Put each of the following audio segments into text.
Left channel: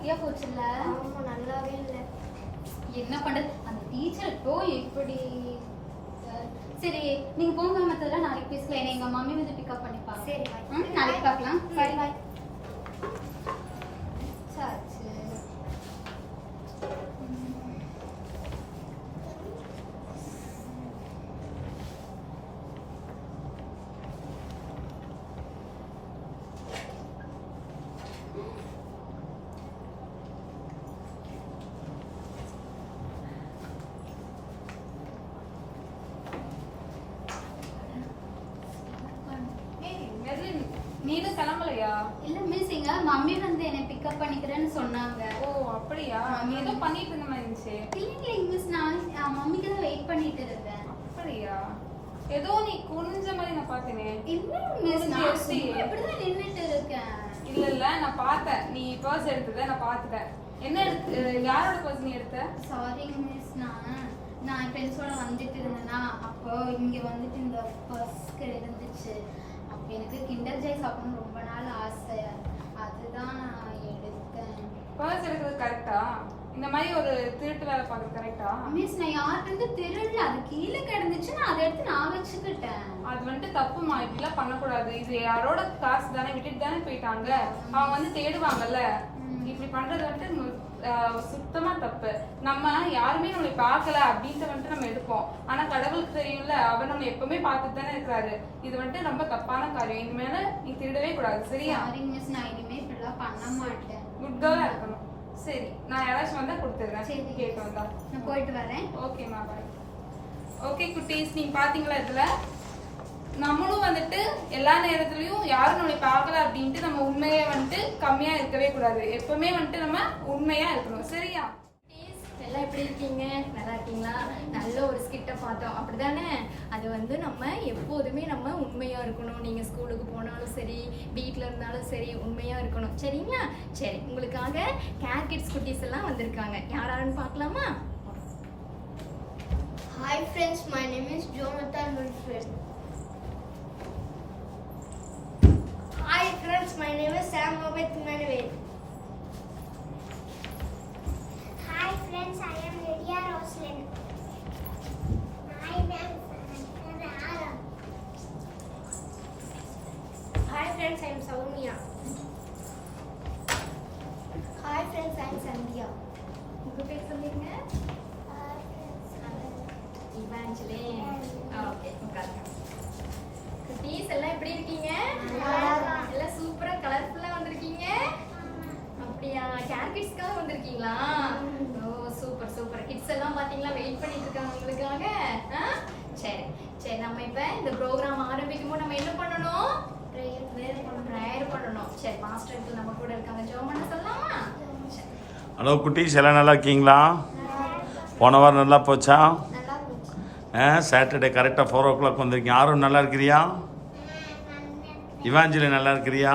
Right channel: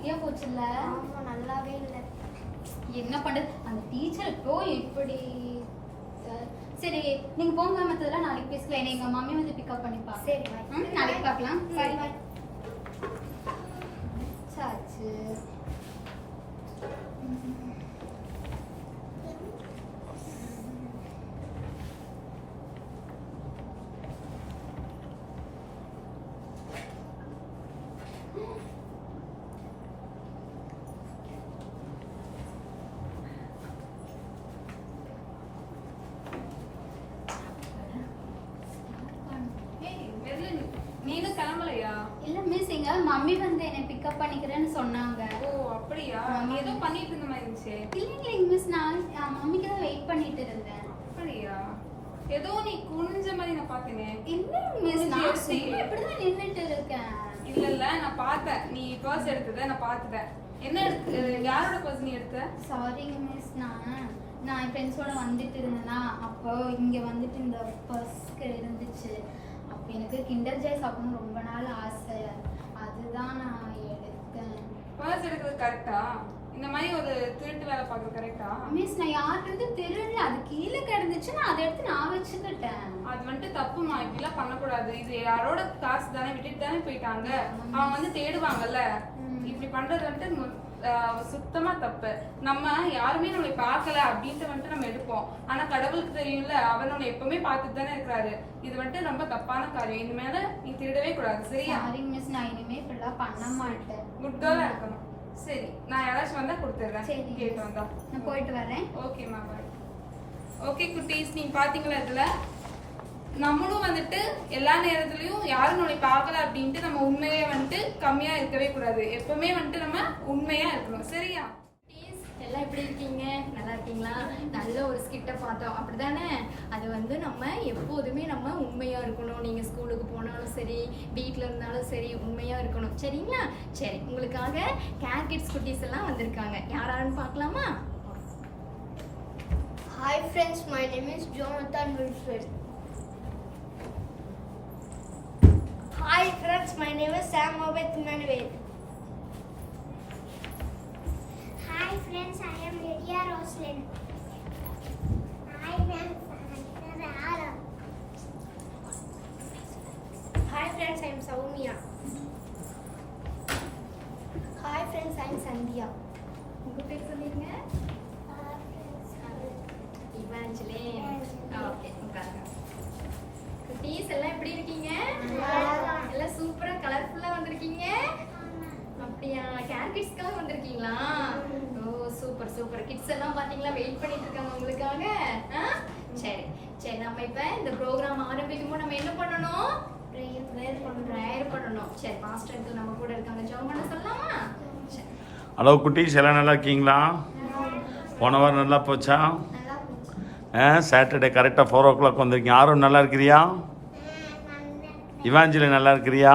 மொக்கையா போச்சுல்ல? ஆமா நல்லாவே இல்ல. என்ன பண்றது, அந்த டீச்சர் இப்போ இப்படி. சரி நீங்க போங்க, மத்ததெல்லாம் நாளைக்கு பேசலாம். என்ன எங்க மம்மி வந்து பிக்கப் பண்ணிப்பாங்க. சரி பாய். நாளைக்கு பார்க்கலாம். பாய் பாய். சாச்சு. நீங்க கிளம்பலையா? இல்ல மிஸ், எங்க மம்மி வந்து என்னை பிக்கப் பண்ணிக்கிறேன்னு சொன்னாங்க. ஓ அப்படியா? நீ ஏதோ பண்ணிட்டு இருந்த மாதிரி இருந்துச்சு. இல்லைங்க மிஸ், நான் மம்மிக்கு தான் வெயிட் பண்ணிட்டு இருந்தேன். அப்படியா? ஏதோ நீ குனிஞ்ச மாதிரி நான் பார்த்தேனே. இல்ல மிஸ், நான் சும்மா இப்படிதான் நின்னுட்டு இருக்கேன். இல்ல இல்ல, நான் பார்த்தேன். நீ பர்ஸ் எடுத்தத நான் பார்த்துட்டேன். என்ன யாரோட பர்ஸ் நீ எடுத்த? சாரிங்க மிஸ், நான் என் ஃப்ரெண்ட்ஸோட வந்துட்டு இருந்தேன்னா, அப்போ இங்க வந்துட்டு இந்த பர்ஸ்க்கு இருந்துச்சு. அப்போ எனக்கு கிண்டர் ஜாய் சாப்பிடணும்னு ரொம்ப நாள் ஆசை, அதுதான் நான் எடுத்தேன். பர்ஸ் எடுக்கிறது கரெக்டா? இந்த மாதிரி ஒரு திருட்டு வேலை பார்க்கறது கரெக்டா? மிஸ், நான் யார்கிட்ட திருடல, அது கீழே கிடந்துச்சு, நான் அதை எடுத்து நான் வச்சுக்கிட்டேன். அது வந்துட்டு தப்புமா, இப்படிலாம் பண்ணக்கூடாது. இது யாரோட காசு தானே, விட்டுட்டு தானே போயிட்டாங்க. அவங்க வந்து தேடுவாங்கல்ல. இப்படி பண்றது வந்துட்டு சுத்தமா தப்பு. நம்ம யாருமே நம்மளை பார்க்கல அப்படின்ட்டு வந்துட்டு நம்ம எடுப்போம். ஆனா கடவுளுக்கு தெரியும்ல, அவர் நம்ம எப்பவுமே பார்த்துட்டு தானே இருக்கிறாரு. இது வந்துட்டு ரொம்ப தப்பான காரியம். இனிமேல நீ திருடவே கூடாது. சரியா? சாரிங்க மிஸ், நான் இனிமே இப்படிலாம் பண்ண மாட்டேன். குட் கேர்லா இருக்கணும். சரி, நான் யாராச்சும் வந்தா கொடுத்துருவேன். சரி கேட்டு வந்தா. நான் போயிட்டு வரேன். ஓகேம்மா, பாய். ஓகே குட்டீஸ், நீங்க பாத்தீங்களா? இதுல நம்மளும் வந்துட்டு எல்லா நேரத்துலயும் யாரும் நம்மளை பார்க்கல அப்படின்ட்டு நம்ம உண்மையை வந்துட்டு கம்மியா இருக்கவே கூடாது. எப்பவுமே வந்துட்டு நம்ம உண்மையா இருக்கணும். சரியா? எல்லாம் எப்படி இருக்கீங்க? நல்லா இருக்கீங்களா? நல்ல ஒரு ஸ்கிட்ட பார்த்தோம், அப்படிதானே? அது வந்து நம்ம எப்போதுமே நம்ம உண்மையா இருக்கணும். நீங்க ஸ்கூலுக்கு போனாலும் சரி, வீட்டில் இருந்தாலும் சரி, உண்மையா இருக்கணும். சரிங்களா? சரி, உங்களுக்காக கேர் கிட்ஸ் குட்டீஸ் எல்லாம் வந்திருக்காங்க. யாராருன்னு பார்க்கலாமா? Hi friends, my name is Jonathan Wilfred. Hi friends, my name is Sam Obed Manuel. Hi friends, I am Lydia Roslyn. Hi friends, I am Aaron. Hi friends, I am Soumya. Hi friends, I am Sandhya. உங்க பேர் சொல்லிருங்க. Hi friends, Evangeline. Okay, உட்காருங்க. குட்டீஸ் எல்லாம் எப்படி இருக்கீங்க? எல்லாம் சூப்பரா கலர்ஃபுல்லா வந்திருக்கீங்க. அப்படியா? கேர் கிட்ஸ்க்காக வந்திருக்கீங்களா? ஓ சூப்பர் சூப்பர். கிட்ஸ் எல்லாம் பாத்தீங்களா, வெயிட் பண்ணிட்டு இருக்காங்க உங்களுக்காக. சரி சரி, நம்ம இப்ப இந்த ப்ரோக்ராம் ஆரம்பிக்கும் போது நம்ம என்ன பண்ணணும்? ப்ரேயர் பண்ணணும். சரி, மாஸ்டர் அங்கிள் நம்ம கூட இருக்காங்க, ஜெபம் பண்ண சொல்லலாமா? சரி. ஹலோ குட்டீஸ், எல்லாம் நல்லா இருக்கீங்களா? போன வாரம் நல்லா போச்சா? சாட்டர்டே கரெக்டாக 4 o'clock வந்திருக்கீங்க. யாரும் நல்லா இருக்கிறியா? இவாஞ்சலி நல்லா இருக்கிறியா?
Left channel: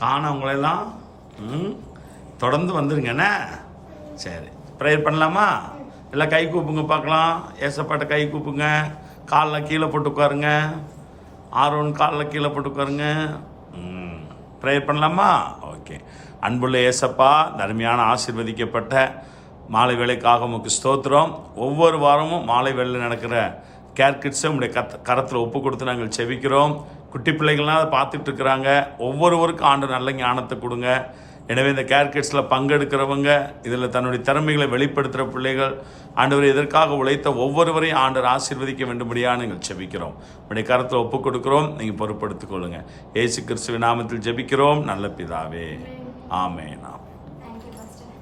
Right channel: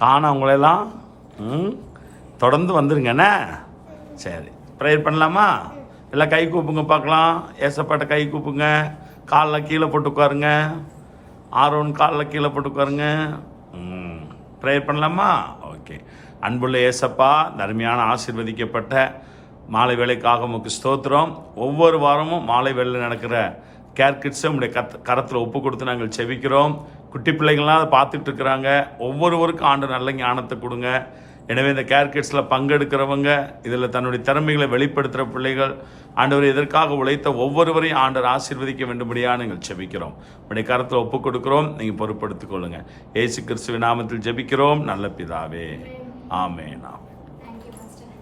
காண உங்களெல்லாம் தொடர்ந்து வந்துருங்கண்ணே. சரி, ப்ரேயர் பண்ணலாமா? எல்லாம் கை கூப்புங்க பார்க்கலாம். ஏசப்பாட்ட கை கூப்புங்க. காலில் கீழே போட்டு உட்காருங்க. ஆரோன் காலில் கீழே போட்டு உட்காருங்க. ப்ரேயர் பண்ணலாமா? ஓகே. அன்புள்ள ஏசப்பா, தர்மையான ஆசீர்வதிக்கப்பட்ட மாலை வேலைக்காக உமக்கு ஸ்தோத்திரம். ஒவ்வொரு வாரமும் மாலை வேலையில் நடக்கிற கேர் கிட்ஸை உங்களுடைய கரத்தில் ஒப்பு கொடுத்து நாங்கள் செபிக்கிறோம். குட்டி பிள்ளைகள்லாம் அதை பார்த்துட்டு இருக்கிறாங்க. ஒவ்வொருவருக்கும் ஆண்டு நல்ல ஞானத்தை கொடுங்க. எனவே இந்த கேர் கிட்ஸில் பங்கெடுக்கிறவங்க, இதில் தன்னுடைய திறமைகளை வெளிப்படுத்துகிற பிள்ளைகள், ஆண்டவர் இதற்காக உழைத்த ஒவ்வொருவரையும் ஆண்டவர் ஆசீர்வதிக்க வேண்டும்படியாக நீங்கள் செபிக்கிறோம். உங்களுடைய கரத்தில் ஒப்பு கொடுக்கிறோம். நீங்கள் பொறுப்படுத்திக் கொள்ளுங்கள். இயேசு கிறிஸ்துவின் நாமத்தில் ஜெபிக்கிறோம் நல்ல பிதாவே. ஆமென். Thank you master.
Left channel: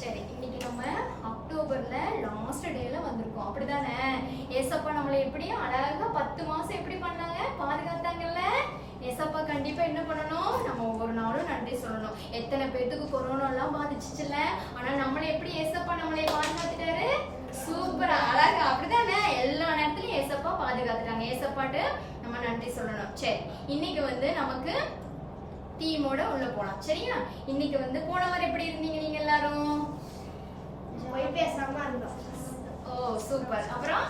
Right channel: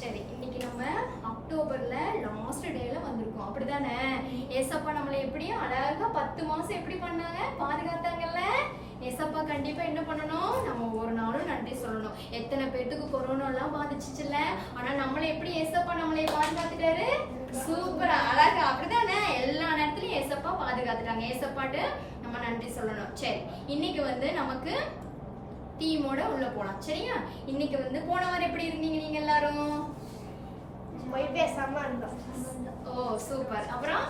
சரி, இன்னைக்கு நம்ம அக்டோபர்ல லாஸ்ட் டேல வந்திருக்கோம், அப்படிதானே? ஏசப்பா நம்மளை எப்படியும் அழகா 10 மாசம் எப்படி பண்ணாங்க, பாதுகாத்தாங்கல்ல. ஏசப்பா கண்டிப்பா என்ன பண்ணணும்? நம்ம ஒவ்வொரு நாளும் நன்றி சொல்லணும். எத்தனை பேத்துக்கு கொரோனா எல்லாம் பாதிச்சுச்சுல, ஆனா நம்மளை எப்படி ஏசப்பா நம்மளை பாதுகாத்துட்டாரு? சூப்பரா அழகா, அப்படிதானே? எல்லா நேரத்திலயும் ஏசப்பா பாதுகாத்துட்டாங்க. ஏசப்பாட்டு நம்ம நன்றி சொல்லணும். சரி, இன்னைக்கு வந்து நமக்கு டீமோட உள்ள போலாம். சரியா? இன்னைக்கு வந்து போன வாரம் எப்படி இருந்தீங்க நீங்க எல்லாரும்? பேசாம இருந்தோம். ஓ சூப்பர். அப்புறம்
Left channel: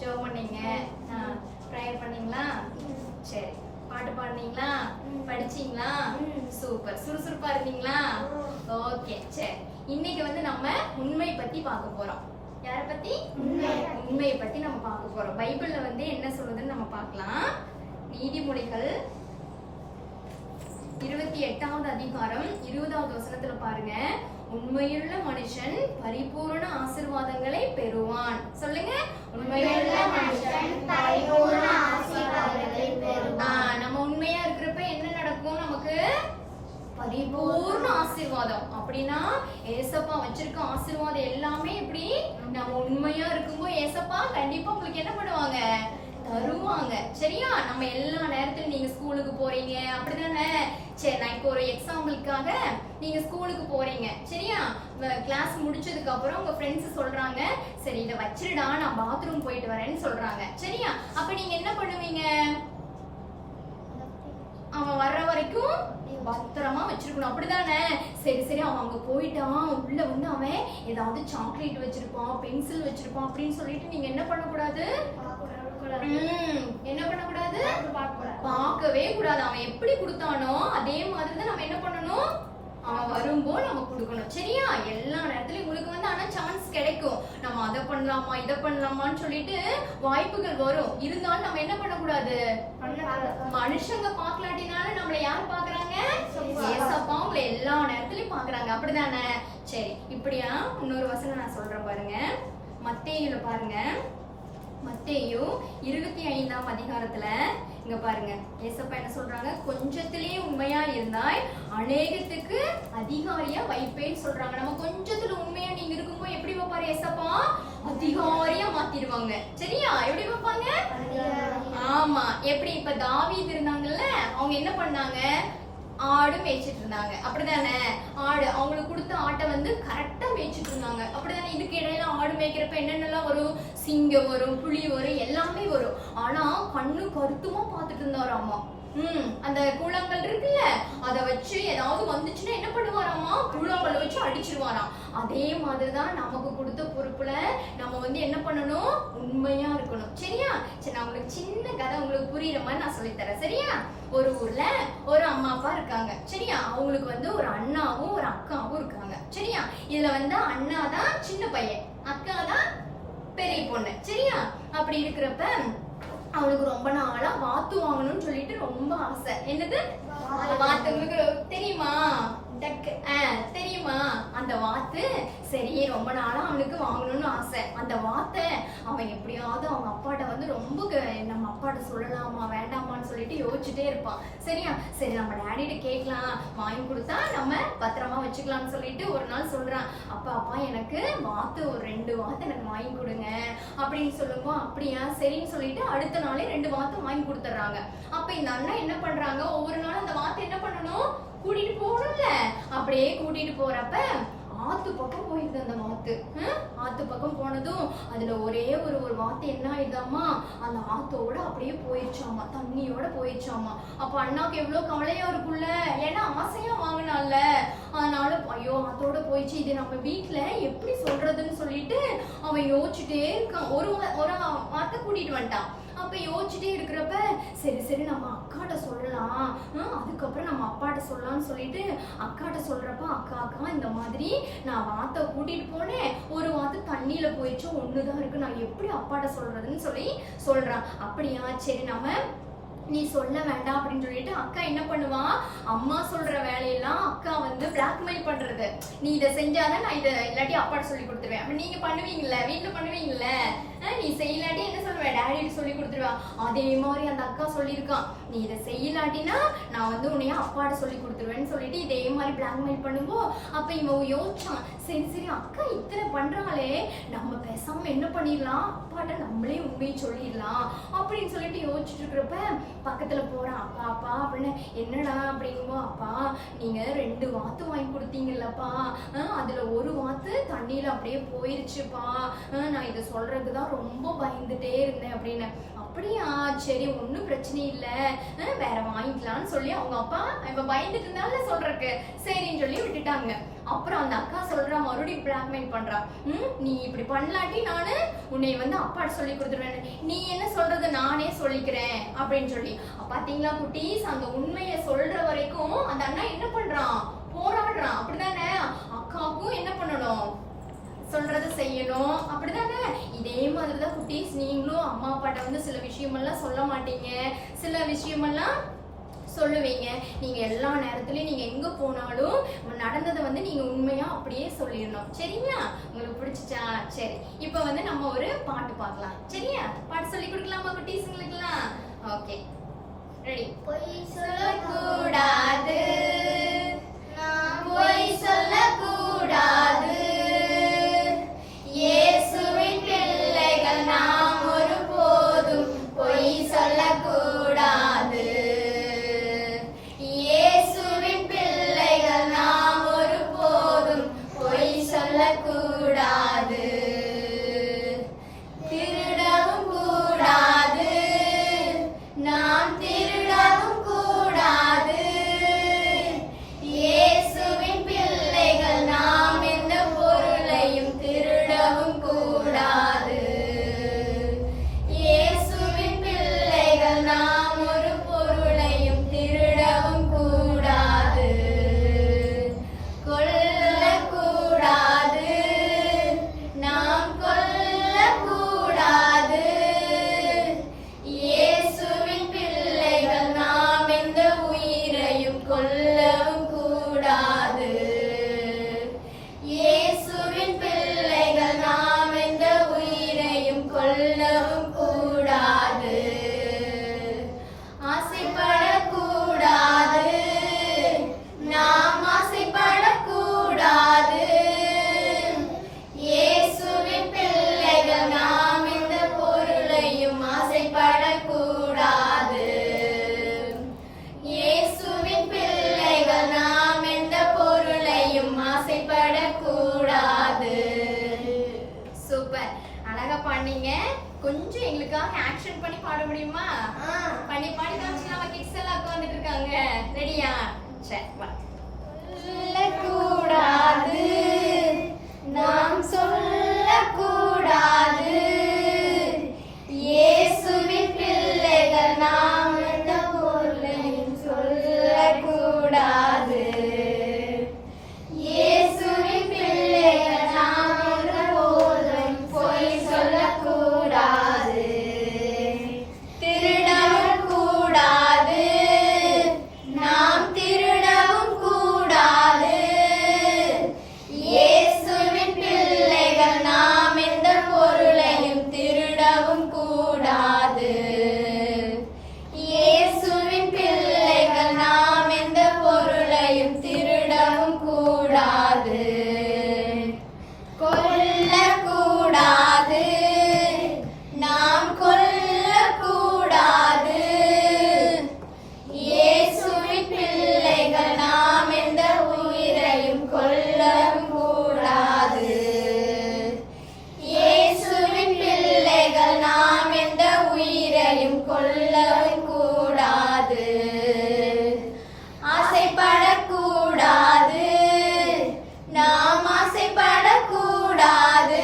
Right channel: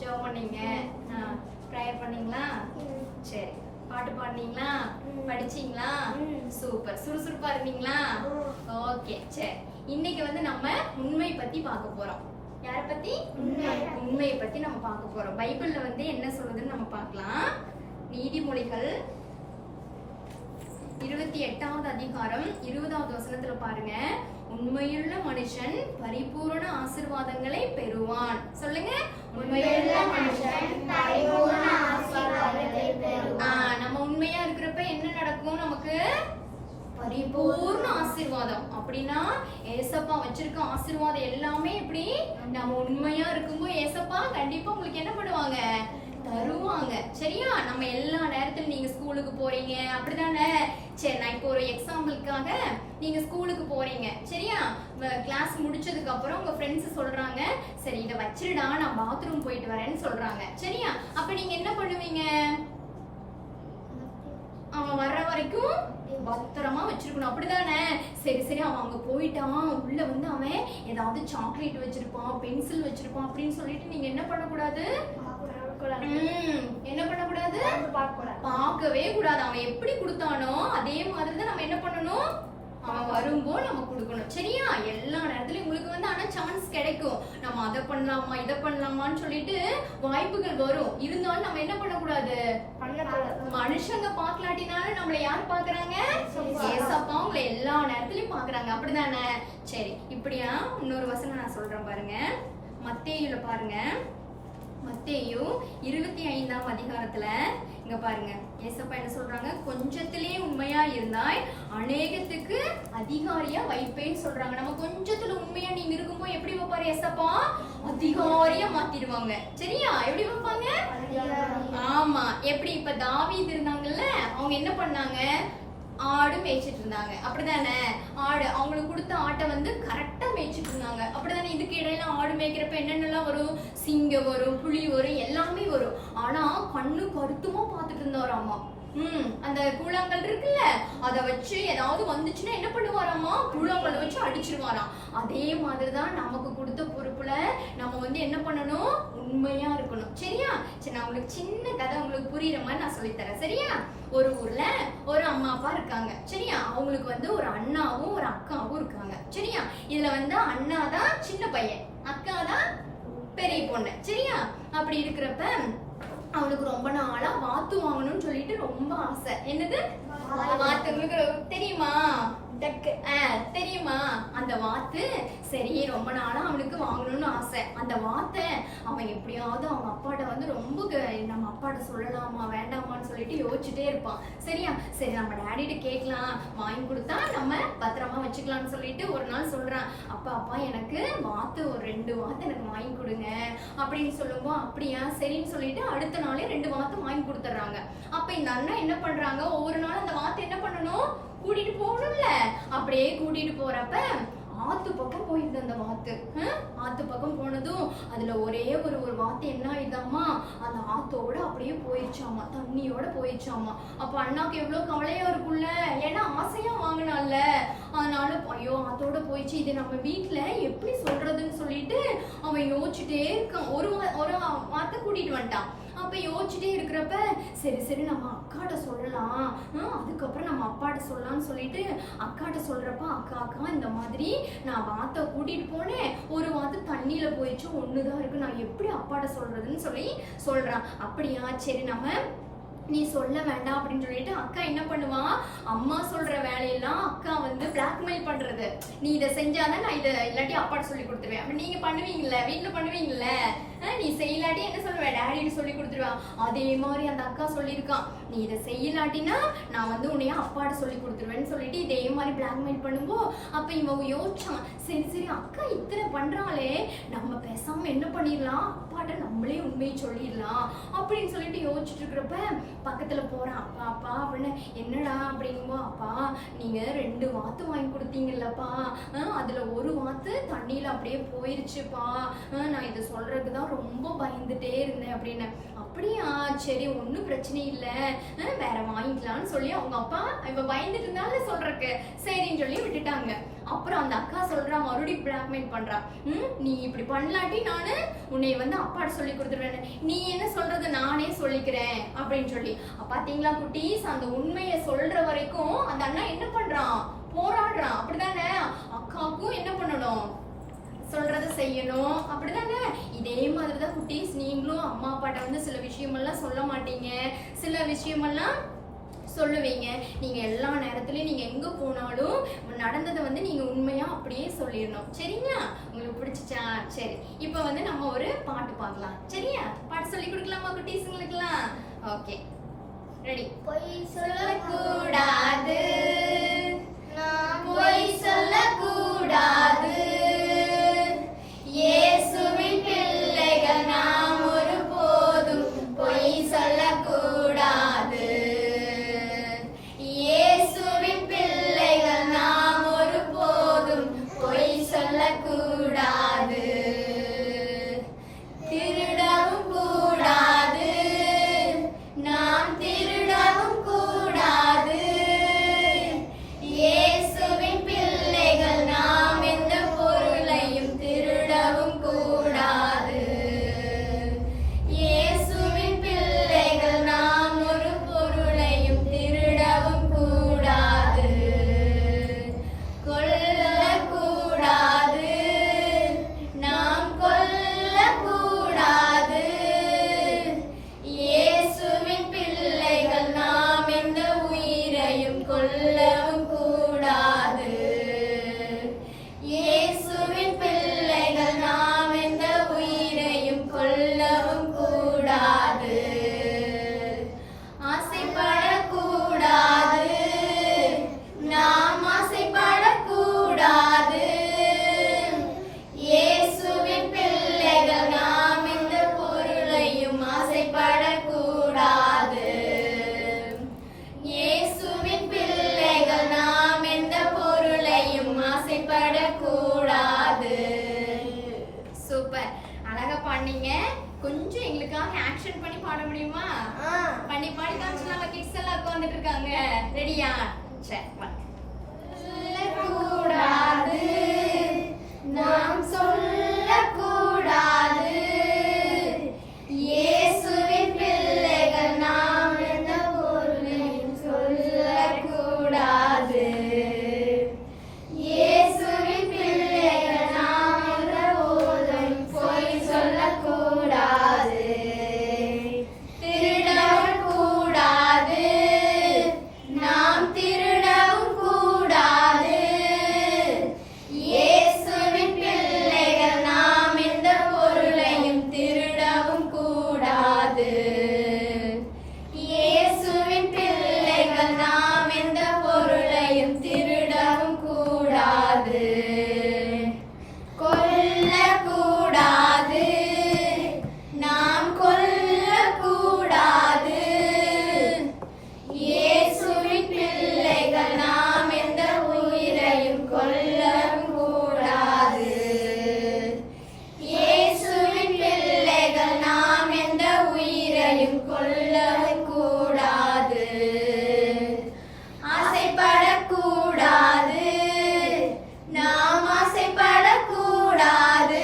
ஜெபம் பண்ணீங்க, ப்ரேயர் பண்ணீங்களா? சரி, பாட்டு பாடுனீங்களா? படிச்சீங்களா? சூப்பர். சுறுசுறுப்பா இருந்தீங்களா? ஓகே, சரி. இன்னைக்கு வந்து நம்ம உண்மை பத்தி பார்க்க போறோம். யாரை பத்தி? உண்மையை பத்தி நம்ம பார்க்க போறோம். பைபிள்ல வந்து என்ன சொல்லுதுன்னு நம்ம பார்க்கலாம். நீதிமொழிகள் 28வது அதிகாரம் 20வது வசனத்துல பாருங்க. உண்மையுள்ள மனுஷன் பரிபூரண ஆசீர்வாதங்களை பெறுவான். சொல்லுங்க. உண்மையுள்ள மனுஷன் பரிபூரண ஆசீர்வாதங்களை பெறுவான். நம்ம உண்மையா இருக்கிறப்ப என்ன நடக்கும்? நமக்கு பரிபூர்ண ஆசீர்வாதம். அப்படின்னா ஏசப்பா வச்சிருக்க ஆசீர்வாதம் எல்லாமே இப்படி நம்ம உண்மையா இருக்கும்போது ஏசப்பா கண்டிப்பா உங்களுக்கு என்ன பண்ணுவாங்க? தருவாங்க. சரியா? நம்ம எல்லா நேரத்திலும் நீங்க ஸ்கூலுக்கு போறீங்க அப்படிதானே? சரி, நான் இப்போ ஒரு எக்ஸாம்பிளுக்காக நீங்க ஸ்கூலுக்கு போறீங்க. சரியா? கிளாஸ் முடிச்சதுக்கு அப்புறம் உங்க ஃப்ரெண்ட்ஸ் சொல்றாங்க, சரி இதை வச்சிருடா நான் பாத்ரூம் போயிட்டு வரேன்னு சொல்றாங்க. சரியா? அப்ப நீங்க என்ன பண்ணுவீங்க? அவன் வர்ற வரைக்கும் பத்திரமா வச்சிருக்கணும். அப்படிதானே? சரி சரி, அவன் அங்க போயிட்டான், உள்ள வந்து அவன் ஏதாவது சாக்லேட் வச்சிருப்பான், பென்சில் வச்சிருப்பான் அப்படின்னு சொல்லிட்டு நீங்க என்ன பண்ணக்கூடாது? என்ன பண்ணக்கூடாது? பார்க்கவே கூடாது. அவன் எப்படி கொடுத்தானோ அதே மாதிரிதான் நம்ம என்ன பண்ணணும்? அவன் வரும்போ நம்ம கொடுக்கணும். சரியா? எல்லா நேரத்துலயும் உங்களுக்கு வந்து ஆனா சான்ஸ் கிடைக்கும். நம்ம அதை பண்ணலாமா இதை பண்ணலாமான்னு சொல்லிட்டு வாய்ப்புகள் வரும். இருந்தாலும் நம்ம என்ன பண்ணக்கூடாது? மனுஷங்க பாக்கலாட்டினாலும் நம்மள யார் பாக்குறாங்க? ஏசப்பா உங்களை எல்லா நேரத்துலயும் பாக்குறாங்க. அப்படிதானே? சரி, இப்படியா இன்னொரு வசனம் நான் சொல்றேன் பாருங்க. மத்தேயுல பாருங்க. மத்தேயு 25ஆம் அதிகாரத்துல இங்க பாருங்க. ஏசப்பா என்ன சொல்றாங்க? கொஞ்சத்திலே உண்மையா இருந்தாய் அநேகத்துக்கு அதிகாரியா வைப்பேன்னு சொல்றாங்க. நம்ம கொஞ்சத்துல உண்மையா நீங்க இருக்கும்போது எப்படி வைப்பாரு ஏசப்பா? அதிகாரியா மாத்திடுவாங்க. சரியா? எப்படி வைப்பாங்க? ஆமா. எப்படி? இப்ப தாவீது இருந்தாங்கல்ல, அவங்க என்ன பண்ணாங்க? ஆடு மேய்ச்சிட்டு இருந்தாங்க. அப்படிதானே? ஆடு அவங்களுக்கு கொடுத்த ஆட்டை வந்து கரெக்டா மேய்ச்சிட்டு இருந்தாங்க. அப்படிதானே? இதுக்கு இடையில ஆடு மேய்க்கிறப்ப என்னென்னலாம் வரும்? சிங்கம் வரும், புலி வரும், எல்லாமே வரும். ஆனா கண்ணு கருத்துமா பாத்துட்டு இருந்தாராமா. அந்த கூழாங்கல் இருக்குல்ல, அத வச்சு ஏதாவது வந்துச்சுன்னா என்ன பண்ணுவாராமா? கூழாங்கல்ல வச்சு அடிச்சிருவாராம். அதே மாதிரிதான் நமக்கு கொடுத்த பொறுப்புல நம்ம வந்து என்ன பண்ணணும்? உண்மையா இருக்கணும். சரியா? சரி, நான் உங்களுக்கு சின்ன கதை உங்களுக்கு புரியுற மாதிரி நான் சொல்லித்தரேன். சரியா? ஒரு ஊர்ல ஒரு அம்மா அப்பா இருக்காங்க. சரியா? அவங்களுக்கு வந்து ஒரு அண்ணாவும் ஒரு அக்காவும் இருக்காங்க. சரியா? இதுல வந்து அண்ணா தான் சின்ன பையன், அக்கா தான் பெரிய பொண்ணு. சரியா? அப்படி இருக்கிறப்ப அவனுக்கு ரொம்ப நாளா வாத்து வாங்கணும்னு சொல்லிட்டு ரொம்ப ஆசை. என்னது வாத்து? உங்களுக்கு தெரியுமா? தெரியுமா அந்த வாத்து? சரி, ரொம்ப நாளா அவனுக்கு வாங்கணும்னு ஆசை. அந்த வாத்தை அவன் எப்படியாவது அவங்க அப்பாட்ட வந்து ரொம்ப நம்ம அப்பாட்ட சொல்லலாமா வேண்டாமான்னு சொல்லிட்டு யோசிச்சுட்டே இருப்பான். சரியா? சரி, நம்ம டேடிட்ட கேட்கலாம், வாங்கி கொடுத்தா நம்ம பத்திரமா வச்சுக்கலாம்னு சொல்லிட்டு ஒரு நாள் சொல்றான். அப்பா எனக்கு வாத்து ஒரு 2 வாத்து எனக்கு வாங்கி கொடுங்க அப்படின்னு சொல்லுவோம். அப்படியா? சரின்னு சொல்லிட்டு அடுத்த நாளே 2 வாத்து வாங்கி கொடுத்துட்றாங்க. அப்ப இந்த அண்ணன் என்ன பண்றாங்க? ஒவ்வொரு நாளும் அந்த வாத்து என்ன பண்ணணும்? கூட்டிட்டு போகணும்ல. அப்படியே கூட்டிட்டு போறப்ப ஆத்து பக்கம் போயிருது அந்த வாத்து. ஆத்து பக்கம் போனதும் அதுல ஒரே ஒரு வாத்து என்ன ஆயிடுதாமா? அந்த ஆத்தோட அப்படியே போயிடுச்சாமா, தண்ணியோட போயிடுச்சாமா. அப்ப அண்ணாக்கு எவ்வளவு கவலையா இருக்கும்ல, ஏன்னா ஆசையா வாங்கினால. அதனால ஐயோ ஆத்தோட போயிடுச்சு, இது நம்ம வீட்டுல எப்படி சொல்றதுன்னு சொல்லிட்டு அவன் யோசிச்சுட்டே இருக்கான். ஒரு வாத்தை கூட்டிட்டு வந்துட்டான். அப்ப யோசிச்சுட்டே இருக்கிறப்ப சரி நம்ம அக்காட்ட சொல்லலாம், அதுக்கப்புறம் நம்ம அப்பாட்ட சொல்லலாம்னு சொல்லிட்டு அக்காட்ட சொல்றப்ப அக்கா இந்த மாதிரி நான் வாத்தை கூட்டிட்டு போனேன், ஒரு வாத்து தண்ணியில போயிடுச்சு, ஒண்ணுதான் இருக்கு, நான் எப்படி அப்பாட்ட சொல்றதுன்னு சொல்லி சொல்றான். அப்படியா? சரி, நம்ம நீ சொல்ல வேண்டாம் அப்படின்னு சொல்லிட்டு அக்கா என்ன பண்ணுவா? அம்மா சொல்ற வேலையெல்லாம் அக்கா வந்து பிளாக்மெயில் பண்றது. நீ இதை செஞ்சாதான் நான் இதை இல்லாட்டி அப்பாட்ட சொல்லி கொடுத்துருவேன். அப்ப நீங்க பண்ணுவீங்கல்ல, வீட்டுல பண்ணுவீங்கல்ல, நீ செய்யலாட்டி என்ன சொல்லுவேன்? டாடிட்டு சொல்லி கொடுத்துருவா. அதே மாதிரி அந்த அக்கா சொல்லியிருக்கான், நீ இதை செய்யலாட்டினா நான் வந்து உன்னைய அப்பாட்ட சொல்லி கொடுத்துருவேன்னு சொல்லிட்டு இதே மாதிரி பிளாக்மெயில் பண்ணும்போது அப்ப இவன் யோசிச்சான், சரி அக்கா இத்தனை பண்றாளே, நம்ம பேசாம என்ன பண்ணிடலாம்? அப்பாட்ட நம்மளே உண்மையை சொல்லிடலாம் அப்படின்னு சொல்லிட்டு யோசிச்சுட்டு இருக்கிறப்ப பக்கத்துல போறான். அப்பா அப்படின்னு. என்னடா அப்படிங்கும்போ, அப்பா நீங்க 2 வாத்து வாங்கி கொடுத்தீங்கல்லப்பா, அதுல ஒரு வாத்து தண்ணியில அப்படியே போயிருச்சுப்பா, நான் இதை சொல்றதுக்குதான் ரொம்ப பயந்துட்டே இருந்தேன் அப்படின்னு. அப்படியா? சரி, ஒன்னும் பிரச்சனை இல்ல, வேற வாங்கிக்கலாம்னு சொல்லி அவங்க அப்பா இப்ப பயந்துட்டு இருந்தால சொல்றக்கு சரின்னு சொல்லி விட்டுட்டாங்க. அப்புறம் அந்த அக்கா சொல்றா மறுபடியும் பிளாக்மெயில் பண்றா. நீ இப்படி பண்ணலாட்டி நானு உன்னை வந்து அப்பாட்ட சொல்லி கொடுத்துருவேன், நீ என்ன சொல்றது நானே சொல்லிக்கிறேன் அப்படின்னு சொல்லி. பாத்தீங்களா குட்டீஸ், அந்த உண்மையை சொல்ற வரைக்கும் அந்த அண்ணா என்ன பண்றான், போராடுறான். அப்படிதானே அக்காவுக்கும் என்ன பண்ணணும், சொல்றத செய்யணும். அப்படிதானே இதே மாதிரிதான் குட்டீஸ், நீங்களும் அம்மா அப்பாட்ட வந்து சில விஷயமெல்லாம் சொல்ல மாட்டீங்க, சில விஷயமெல்லாம் சொல்லுவீங்க. நீங்க எல்லா நேரத்துலயும் நீங்க எங்க போனாலும் நடந்ததை வந்து நீங்க உண்மையா அப்படியே சொல்லிடணும். சரிங்களா? உங்களுக்கு பிடிச்சிச்சா? சரி, இப்ப வந்து நம்ம ஒரு பாட்டு பார்க்கலாம். சரியா? பாட்டு சொல்லி கொடுக்கலாமா குட்டீஸுங்களுக்குலாம்? Okay, ready. பொய் சொல்லக்கூடாது, பொய் சொல்லக்கூடாது, இயேசுவின் பிள்ளைகள் நாம் ஒருபோதும் பொய் சொல்லக்கூடாது. இயேசுவின் பிள்ளைகள் நாம் ஒருபோதும் பொய் சொல்லக்கூடாது. திருடவும் கூடாது, நாம் திருடவும் கூடாது. இயேசுவின் பிள்ளைகள் நாம் எந்த பொருளையும் திருடவும் கூடாது. இயேசுவின் பிள்ளைகள் நாம் ஒரு பொருளையும் திருடவும் கூடாது. கொல்லக்கூடாது, நாம் கொல்லக்கூடாது. இயேசுவின் பிள்ளைகள் நாம் எந்த உயிரையும் கொல்லவும் கூடாது. இயேசுவின் பிள்ளைகள் நாம் எந்த உயிரையும் கொல்லவும் கூடாது. ஆசைப்படக்கூடாது, நாம் ஆசைப்படக்கூடாது. இயேசுவின் பிள்ளைகள் நாம் எந்த பொருளையும் ஆசைப்படக்கூடாது. இயேசுவின் பிள்ளைகள் நாம் எந்த பொருளையும் ஆசைப்படக்கூடாது. சூப்பர், அழகா பாடுனீங்க. கொஞ்சம் எங்களுக்காக ஆக்ஷன் பண்ணி பாட முடியுமா? பண்ணி பாடி காமிச்சலாமா? கிட்ஸ் எல்லாம் உட்கார்ந்துட்டு இருக்காங்க. ரெடியா? சரி, வா. சொல்லக்கூடாது, நாம் சொல்லக்கூடாது. இயேசுவின் பிள்ளைகள் நாம் எந்த பொருளையும் சொல்லக்கூடாது. இயேசுவின் பிள்ளைகள் நாம் எந்த பொருளையும் பொய் சொல்லக்கூடாது. திருடவும் கூடாது, நாம் திருடவும் கூடாது. இயேசுவின் பிள்ளைகள் நாம் எந்த பொருளையும் திருடவும் கூடாது. இயேசுவின் பிள்ளைகள் நாம் எந்த பொருளையும் திருடவும் கூடாது. கொல்லக்கூடாது, நாம் கொல்லக்கூடாது. இயேசுவின் பிள்ளைகள் நாம் எந்த உயிரையும் கொல்லவும் கூடாது. இயேசுவின் பிள்ளைகள் நாம் எந்த உயிரையும் கொல்லவும் கூடாது. ஆசைப்படக்கூடாது, நாம் ஆசைப்படக்கூடாது.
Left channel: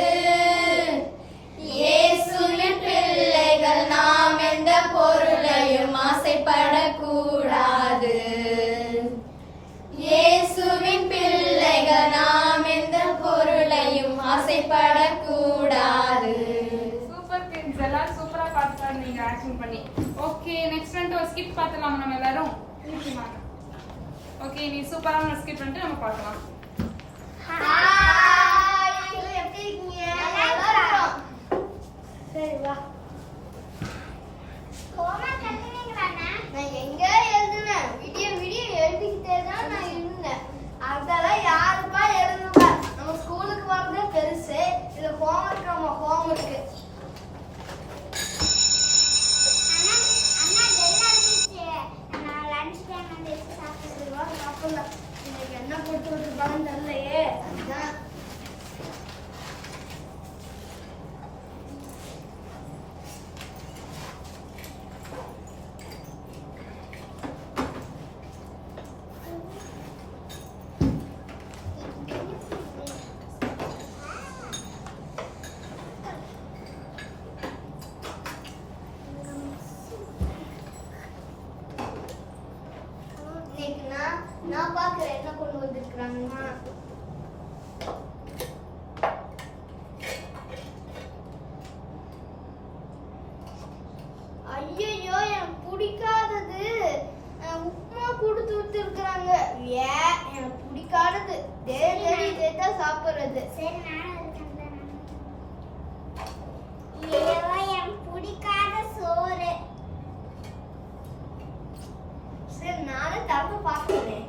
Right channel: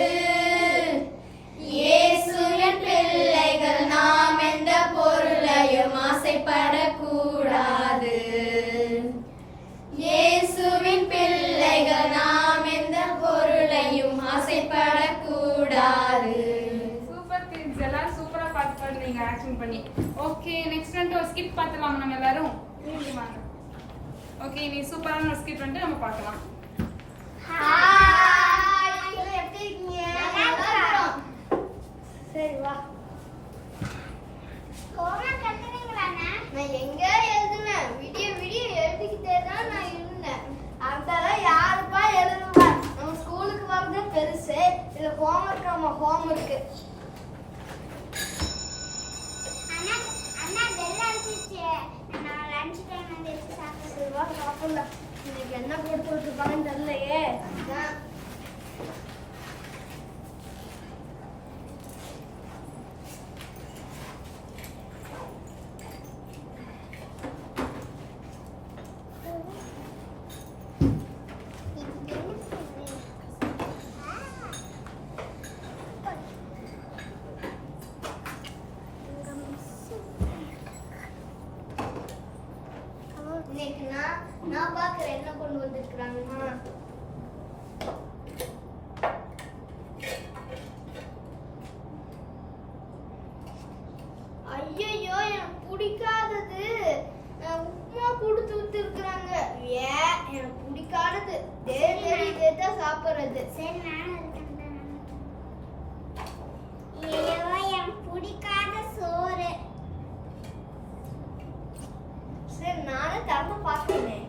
இயேசுவின் பிள்ளைகள் நாம் எந்த பொருளையும் ஆசைப்படக்கூடாது. இயேசுவின் பிள்ளைகள் நாம் எந்த பொருளையும் ஆசைப்படக்கூடாது. சூப்பர் கிட்ஸ், எல்லாரும் சூப்பரா பாட்டு பாடுனீங்க ஆக்ஷன் பண்ணி. ஓகே, நெக்ஸ்ட் வந்து ஒரு ஸ்கிட் பார்த்துலாமா நம்ம எல்லாரும்? ஓகே, நீ சூப்பரான ஒரு ஸ்கிட் வந்து நம்ம பார்க்கலாம். ஹாய், எப்படி இருக்கீங்க? சரி வா. ஹோம்வொர்க் எழுதுவீங்களாண்ணா? நான் எங்க எழுதுவேன், விடிய விடிய எழுதிக்கிட்டே தான் நான் இருந்தேன். அதெல்லாம் யாருப்பா எழுதுவா? நம்ம ஸ்கூலுக்கு வரதே பெருசு, இதுல ஹோம்வொர்க். ஆமா, ஹோம்வொர்க். அண்ணா வெள்ள அடிச்சிச்சு. நான் லஞ்ச் டைம் வந்து சாப்பிட்டுருவா. சாப்பிடலாம். இன்னைக்கு என்ன கொடுத்து விட்டுருப்பாங்கன்னு தெரியலையே. பாக்குறேன் என்ன கொண்டு வந்திருக்காங்கம்மா. ஐயோ எனக்கு பிடிக்காதது உப்புமா கொடுத்து விட்டுருக்காங்க. ஏன் எனக்கு பிடிக்காதது இதேதான் சாப்பிடுறது. சரி நானும் இருக்கேன். ஐயோ எனக்கு பிடிக்காத சோறு. சரி நானும் திறந்து பார்க்கிறேன்.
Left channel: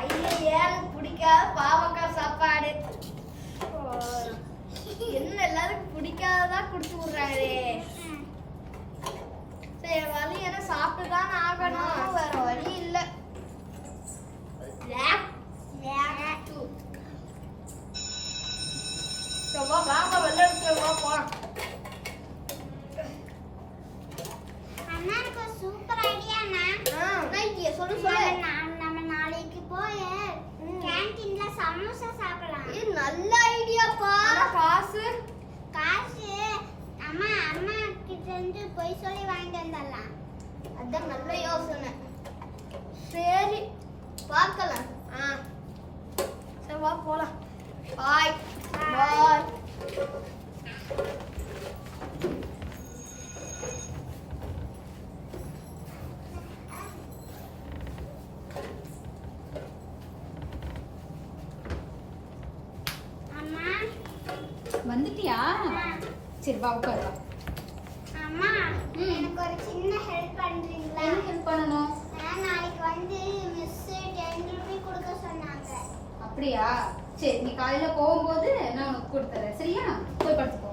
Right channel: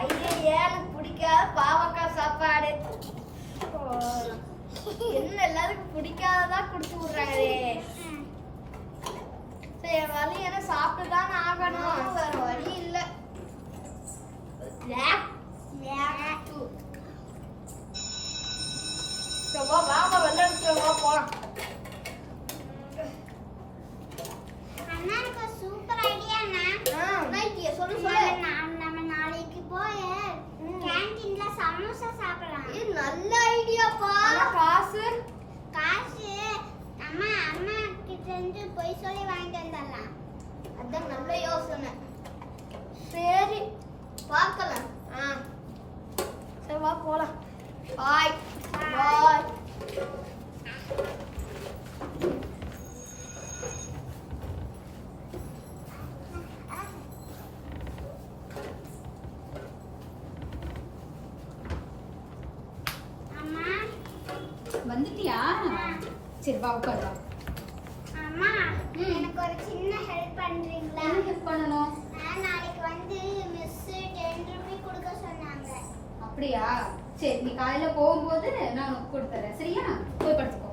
ஐயோ எனக்கு பிடிக்காத பாவக்காய் சாப்பாடு. என்ன எல்லாருக்கும் பிடிக்காததா கொடுத்து விடுறாங்களே. சரி வழி என்ன சாப்பிட்டுதான் ஆகணும், வேற வழி இல்ல. வாங்க வெள்ளை போலாம். அண்ணா எனக்கு ஒரு சூப்பர் ஐடியாண்ணா. சொல்லு நம்ம நாளைக்கு போய் கேண்டீன்ல சமோசா சாப்பிடலாம். இது நல்ல ஐடியாப்பா. காசு அம்மா கிட்ட இருந்து போய் சொல்லி வாங்கிட்டு வந்துடலாம். அதான் நல்ல யோசனை. சரி பார்க்கலாம். சரி வா போலாம். பாய் பாய். அம்மா வந்துட்டியா? சரி வா உட்காரு வா. அம்மா எனக்கு ஒரு சின்ன ஹெல்ப் பண்றீங்களா? என்ன ஹெல்ப் பண்ணணும்? நாளைக்கு வந்து மிஸ் 10 ரூபாய் கொடுக்க சொன்னாங்க. அப்படியா? சரி நீ காலையில போகும்போது நான் உனக்கு கொடுத்துறேன். சரியா? போய் படுத்துக்கோ.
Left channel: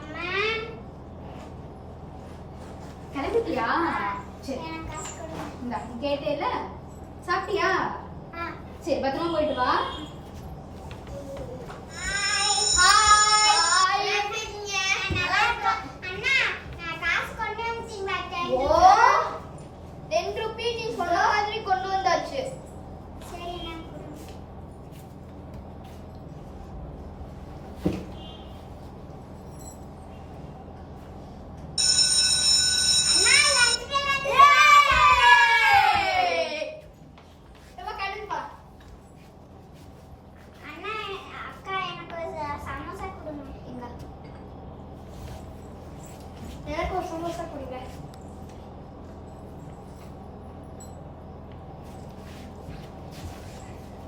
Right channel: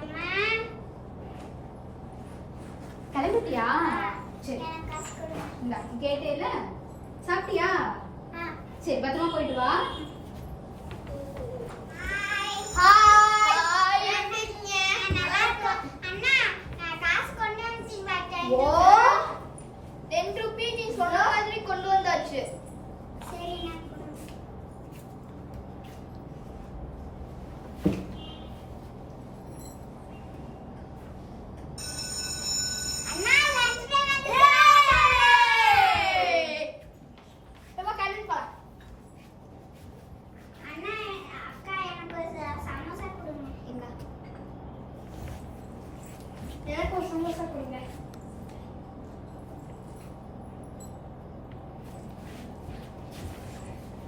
அம்மா கிளம்பிட்டியா? சரி எனக்கு காசு கொடுங்க. இந்தா கேட்டேல. சாப்பிட்டியா? சரி பத்திரமா போயிட்டு வா. ஓ 10 ரூபாய் நீ சொன்ன மாதிரி கொண்டு வந்தாச்சு. சரி நான் கொடுங்க. அண்ணா லஞ்ச் அண்ணா அக்கா எனக்கு ஒரு சமோசா கொடுங்க. எனக்கு ஒரு சமோசா கொடுங்க.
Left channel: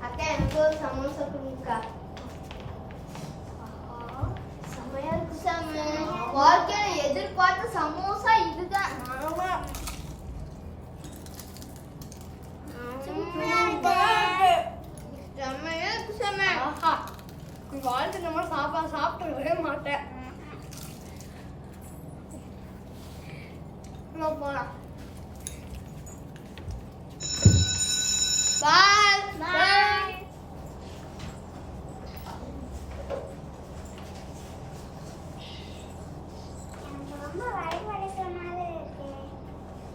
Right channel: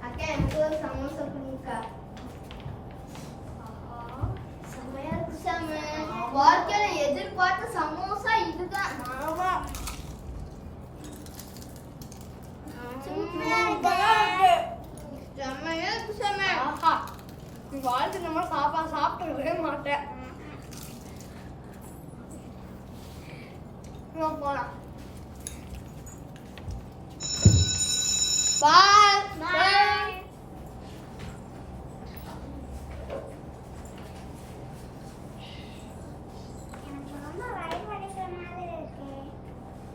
அக்கா எனக்கு ஒரு சமோசா கொடுங்கக்கா. செமையா இருக்கு சாமி. வாழ்க்கையில எதிர்பார்த்த சமோசா இதுதான். ஆமா செமையா இருக்கு சாமி. ஆஹா வாழ்க்கை நம்ம சாப்பிடவே மாட்டேன். போலாம். பாய் பாய். எனக்கு ரொம்ப வயிறு வலிக்கிற மாதிரி இருக்கு.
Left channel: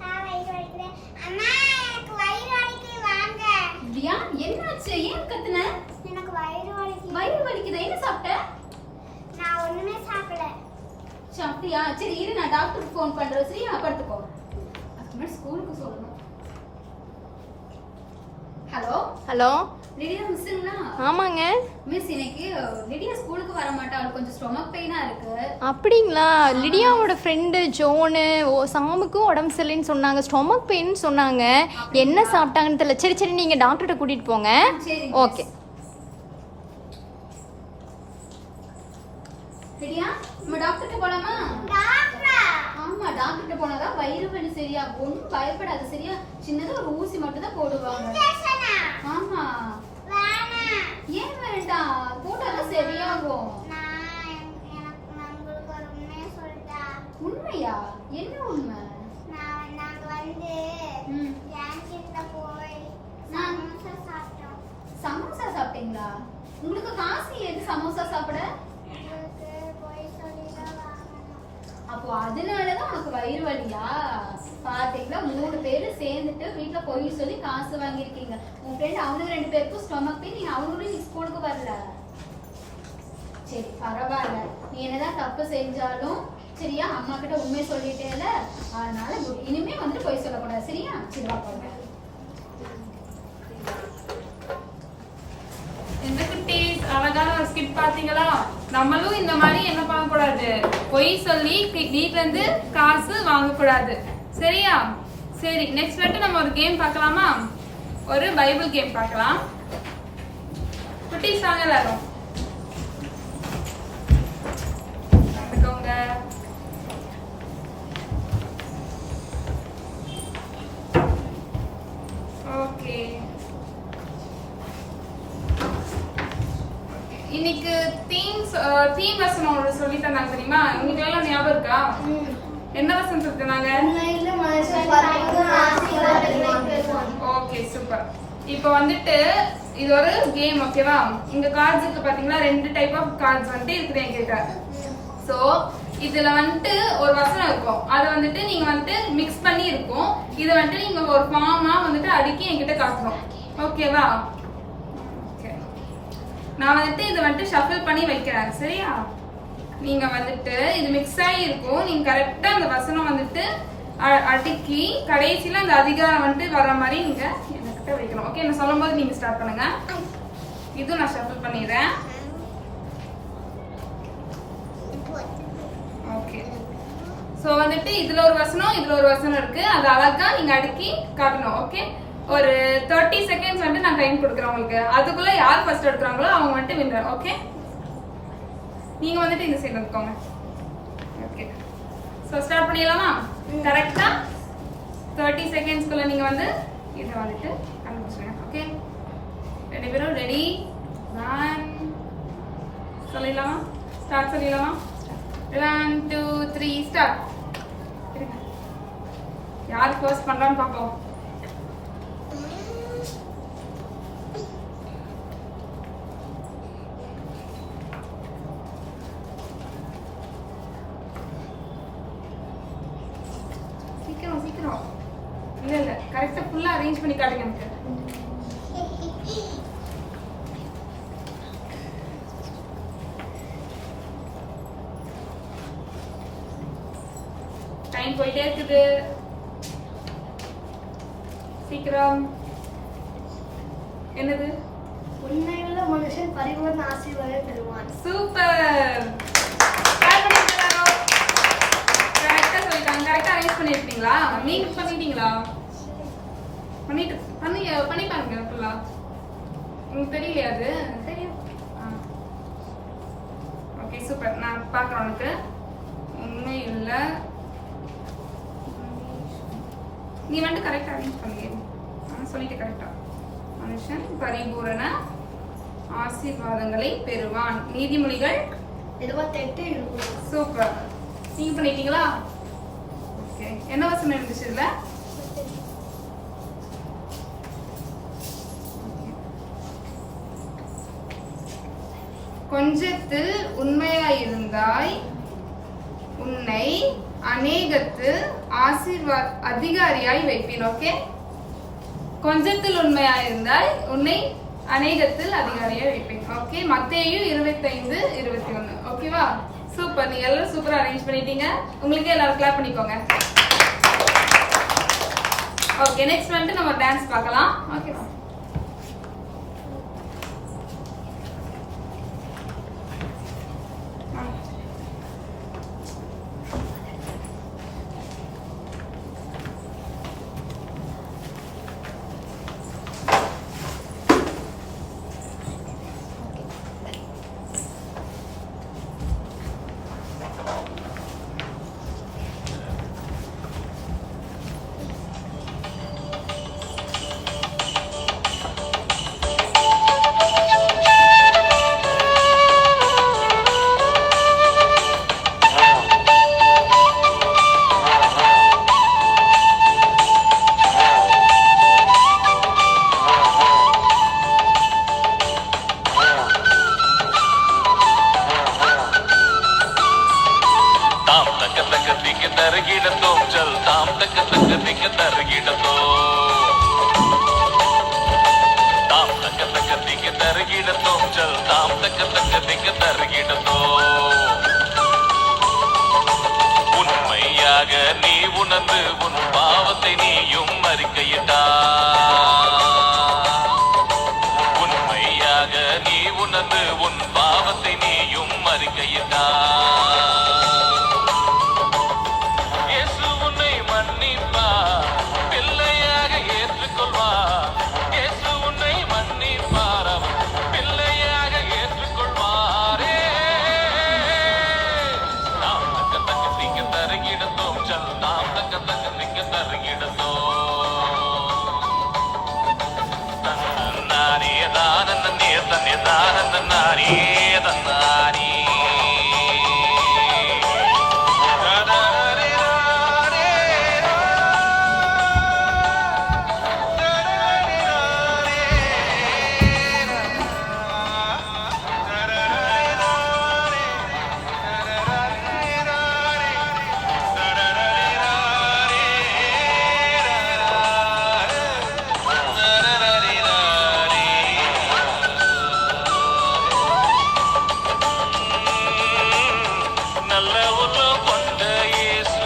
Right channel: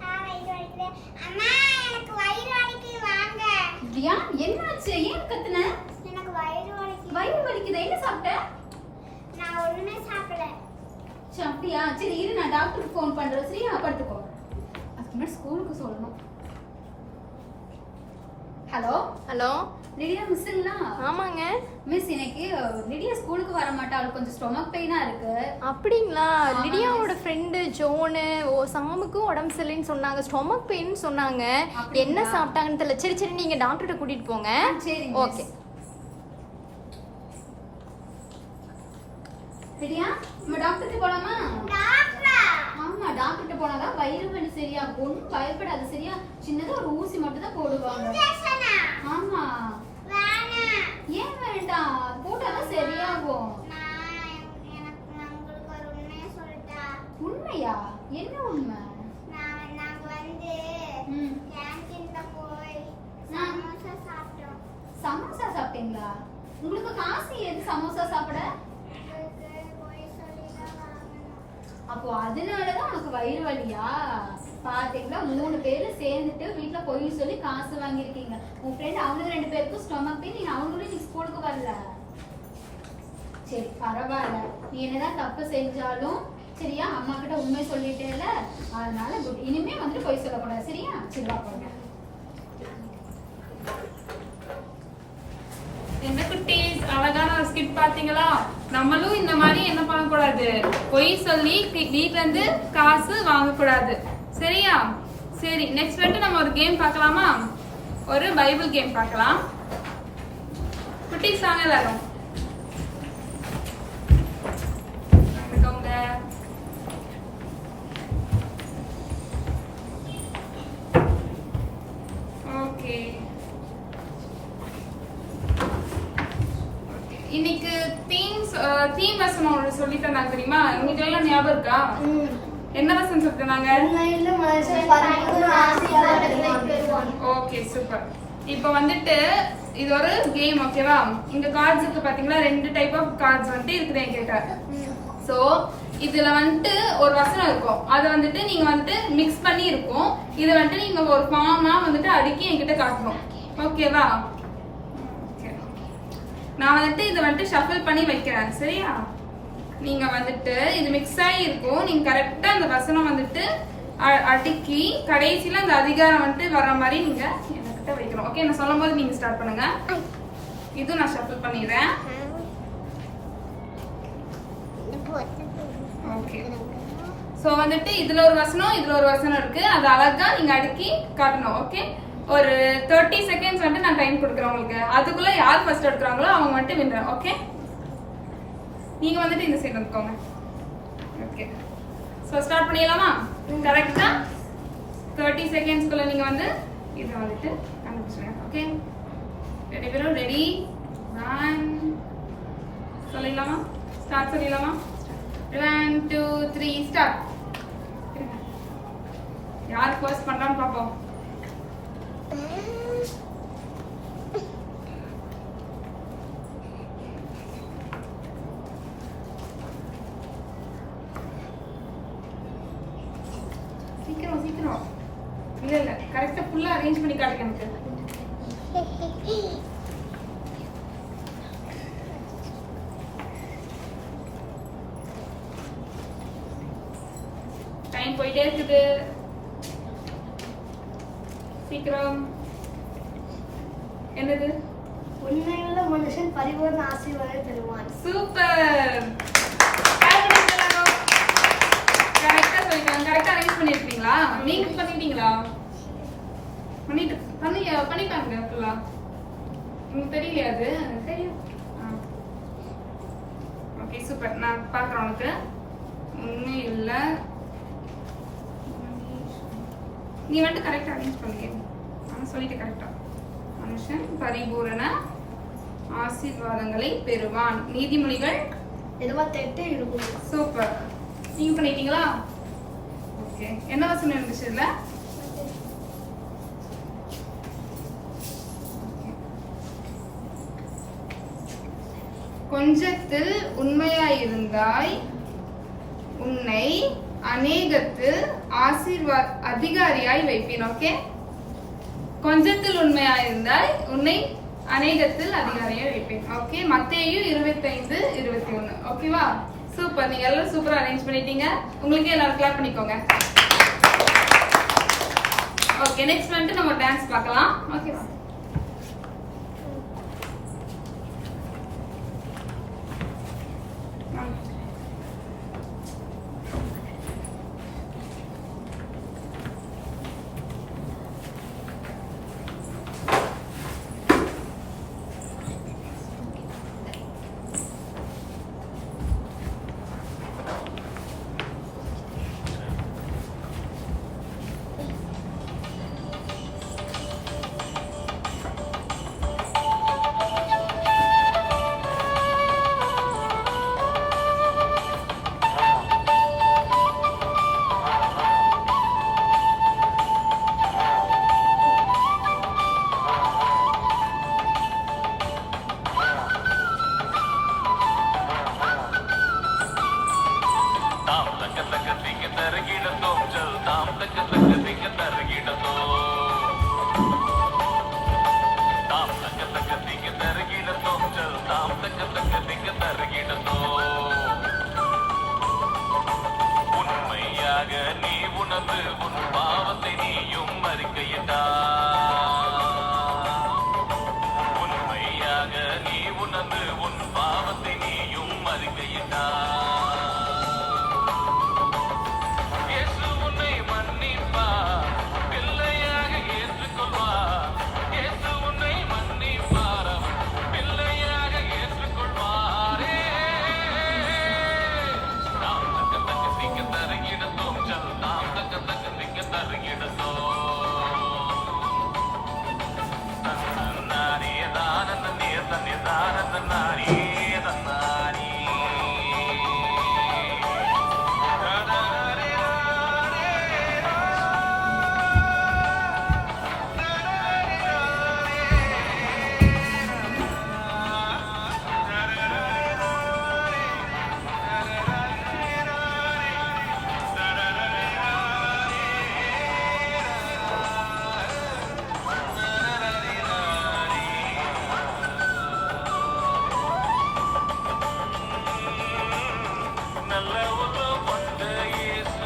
வயிறு வலிக்குது. அம்மா எனக்கு வயிறு வலிக்குது வாங்க. தியா என்னாச்சு? ஏன் கத்துன? எனக்கு வயிறு வலிக்குது. வயிறு வலிக்குதா? என்ன சாப்பிட்ட? நான் ஒண்ணுமே சாப்பிடல. சரி அப்படியா? சரி இரு நான் டாக்டருக்கு ஃபோன் பண்றேன். சரியா? படுத்துக்கோ. அதுக்கு முன்னாடி ஸ்கூலுக்கு சொல்லணும். ஹலோ ஹலோ லிடியா மிஸ்ஸுங்களா? ஆமாங்க மிஸ் இன்னைக்கு லிடியா ஸ்கூலுக்கு வர மாட்டா. அவளுக்கு கொஞ்சம் ஸ்டொமக் பெயினா இருக்கு. அப்படிங்களா? லிடியாவோட ஃப்ரெண்டு ஜோனு சாமுக்கும் உடம்பு சரியில்லைன்னு சொன்னாங்க, ஸ்டொமக் பெயின் சொன்னாங்க. என்ன சாப்பிட்டாங்கன்னு தெரியல. சரி சரி நீங்க டாக்டர்கிட்ட கூட்டிட்டு போங்க. சரி ஓகே. லிடியா நம்ம டாக்டர்கிட்ட போலாமா? டாக்டரா? ஆமா டாக்டர்கிட்ட போனாதான் வயிறு வலி சரியாகும். ஒன்றும் பயப்படாது. சரியா? சின்னதா ஒரு ஊசி மட்டும் தான் போடுவாங்க. இன்ஜெக்ஷனா? ஆமா. வேணாம். ஏன் வேண்டாம்? போட்டாதான் சரியாகும். உங்களுக்கு ஒரு உண்மையை சொல்லிட்டா? உண்மையா? என்ன உண்மை? நாங்க வந்து ம். கேன்டீன்ல போய் சமோசா சாப்பிட்டோம். சமோசா சாப்பிட்டீங்களா? உங்களுக்கு காசு எது சமோசா சாப்பிட? உங்களுக்கு போய் சொல்லி தான் வாங்கணும். அப்போ அதனாலதான் உனக்கு வயிறு வலியா? பாத்தீங்களா 3 பேரும் சேர்ந்துட்டு வீட்டுல பொய் சொல்லி காசு வாங்கியிருக்கீங்க. உன் ஃப்ரெண்ட் அவனுக்கு 2 பேருக்கும் ஸ்டொமக் பெயின், நீ அவங்களும் நீ ஸ்கூலுக்கு வரல. சரி பரவாயில்ல, நீ என்னதான் தப்பு செஞ்சாலும் சரியா, அம்மா கிட்ட உண்மையை சொல்லிட்டேல, அதனால குட். இனிமே வந்துட்டு பொய் சொல்லக்கூடாது சரியா? சரி வா போங்க. என்ன குட்டீஸ், அழகான ஒரு ஸ்கிட் பாத்தீங்களா? நம்மளும் இந்த மாதிரி என்ன பண்ணக்கூடாது, பொய் சொல்லி வீட்ல இருந்து காசு வாங்கக்கூடாது சரியா? சரி, நெக்ஸ்ட் வந்துட்டு நம்ம ஒரு கேம் பார்க்கலாமா? ஒரு பைபிள் கேம் பார்க்கலாம். குட்டீஸ் வாங்க எல்லாரும். ஓகே, இன்னைக்கு தீம் வசனம் ஒரு சொல்லி தந்தாங்க தெரியுமா? உங்களுக்கு எல்லாம் ஞாபகம் இருக்கா? என்ன வசனம் சொல்லி தந்தாங்க? Okay super. இப்போ வந்துட்டு இது ஒரு கேம் ஓகேவா? இங்க கார்ட்ஸ் இருக்கு பாத்தீங்களா? 2 டைப் ஆஃப் கார்ட்ஸ் வந்துட்டு இருக்குது என்கிட்ட. சோ இதுல வந்துட்டு ஒரு வசனம் இருக்கும், அதை வந்துட்டு நீங்க வந்துட்டு மிக்ஸ் பண்ணி இருக்கும். இதை வந்துட்டு நீங்க ஒரு ஃபார்மா வந்துட்டு அடுக்கி என்கிட்ட காட்டணும் ஓகேவா? நான் வந்துட்டு இதை வந்துட்டு ஷஃபிள் பண்ணி வைக்கிறேன் சரியா? நீங்க வந்துட்டு இது மிக்ஸ் ஆகி இருக்கும், நீங்க கரெக்டா அந்த வசனம் வந்துட்டு அடுக்கி கடைசியில அந்த அதிகாரம் வந்துட்டு வர்ற மாதிரி நீங்க என்கிட்ட வைக்கணும். ஓகே, நான் சொல்லும் போது நீங்க ஸ்டார்ட் பண்ணுங்க. இதுவும் நான் ஷஃபிள் பண்ணிடுறேன். ஓகே, சோ வந்துட்டு இதுல ஒரு வசனம் இதுல ஒரு வசனம் இருக்கு, அது அழகா நீங்க அடுக்கி காட்டணும். ஓகே, ஒரு 30 செகண்ட்ஸ் வந்துட்டு நான் டைம் கொடுக்குறேன் உங்களுக்கு. அதுக்குள்ள யார் ஃபர்ஸ்ட் எடுக்கிறாங்களோ அவங்க வந்துட்டு வின்னர். ஓகே, நீங்க வந்துட்டு இந்த சைடு வந்துக்கோங்க. ஓகே, சோ ஸ்டார்ட் பண்ணிடலாமா? கரெக்டா 30 செகண்ட்ஸ்க்குள்ள நீங்க வந்து இதை வந்துட்டு கண்டுபிடிச்சிருங்க. ஓகே, 2 பேரும் ரெடி? 1 சொல்லிடலாமா? ஸ்டார்ட் சொல்லிடலாமா? 1 2 3 ஸ்டார்ட். யார் ஃபர்ஸ்ட் பண்றான்னு பாப்போம். சீக்கிரம் சீக்கிரம். இல்ல கரெக்டா ஃபுல்லா அரேஞ்ச் பண்ணி காட்டுங்க எனக்கு. டைம் போயிட்டே இருக்குது, சீக்கிரம். என்னது? உண்மையுள்ள மனுஷன் பரிபூர்ண ஆசீர்வாதம் பெறுவான். சூப்பர், கரெக்டா சொல்லிட்டாங்க. கரெக்டா அரேஞ்ச் பண்ணிருக்கீங்களா? நீங்க பண்ணிட்டீங்களா? பண்ணிட்டாங்க ஃபுல்லா. உங்களுக்கு தெரியலையா? அது தெரியும். ஓகே சூப்பர், நான் பாக்குறேன். உனக்கு உண்மையுள்ள நீ வந்துட்டு கரெக்டா அரேஞ்ச் பண்ணுங்க. சொல்லிட்டு கரெக்டா. மனுஷன் பரிபூரண ஆசீர்வாதங்களை பெறுவான். நீதிமொழிகள் 28:20. சூப்பர், நீங்க பண்ணிட்டீங்களா? ஓகே, என்ன வசனம் இருந்துச்சு இதுல? கொஞ்சத்தில் உண்மையாயிருந்தாய் உன்னை அநேகத்தில் அதிகாரியாய் வைப்பேன். ஓகே, கொஞ்சத்தில் உண்மையாயிருந்தாய் உன்னை அநேகத்தில் அதிகாரியாய் வைப்பேன். ஓகே, மத்தேயு 25:21. ஓகேவா? சூப்பர், நீங்க எல்லாரும் சூப்பரா அரேஞ்ச் பண்ணிட்டீங்க. உங்களுக்கு எல்லாரும் கிளாப் பண்ணிக்கோங்க. ஓகே, நெக்ஸ்ட் வந்துட்டு நம்ம டான்ஸ் பார்க்கலாம். ஓகேவா? தாம் தக்க தக்க திக்க தருகிடத்தோம் ஜல் தாம் தக்க தக்க திக்க தருகிடத்தோம் தாம் தக்க தக்க திக்க தருகிடத்தோம் ஜல் தாம் தக்க தக்க திக்க தருகிடத்தோம் உண்மையாக நீ உணர்ந்து உன் பாவத்தை நீயும் அறிக்கையிட்டா உண்மையாக நீ உணர்ந்து உன் பாவத்தை நீயும் அறிக்கையிட்டா இயேசு உன்னை மன்னிப்பார் பிள்ளையாக ஏற்றுக்கொள்வார் இயேசு உன்னை மன்னிப்பார் பிள்ளையாக ஏற்றுக்கொள்வாரே நாம் தக்க தக்க திக்க தருகிடத்தோம் ஜல் நாம் தக்க தக்க திக்க தருகிடத்தோம் தன்னாரே தானன்னே தன்னே தானன்னாரே தன்னாரே நல்ல உள்ளம் கொண்ட இயேசு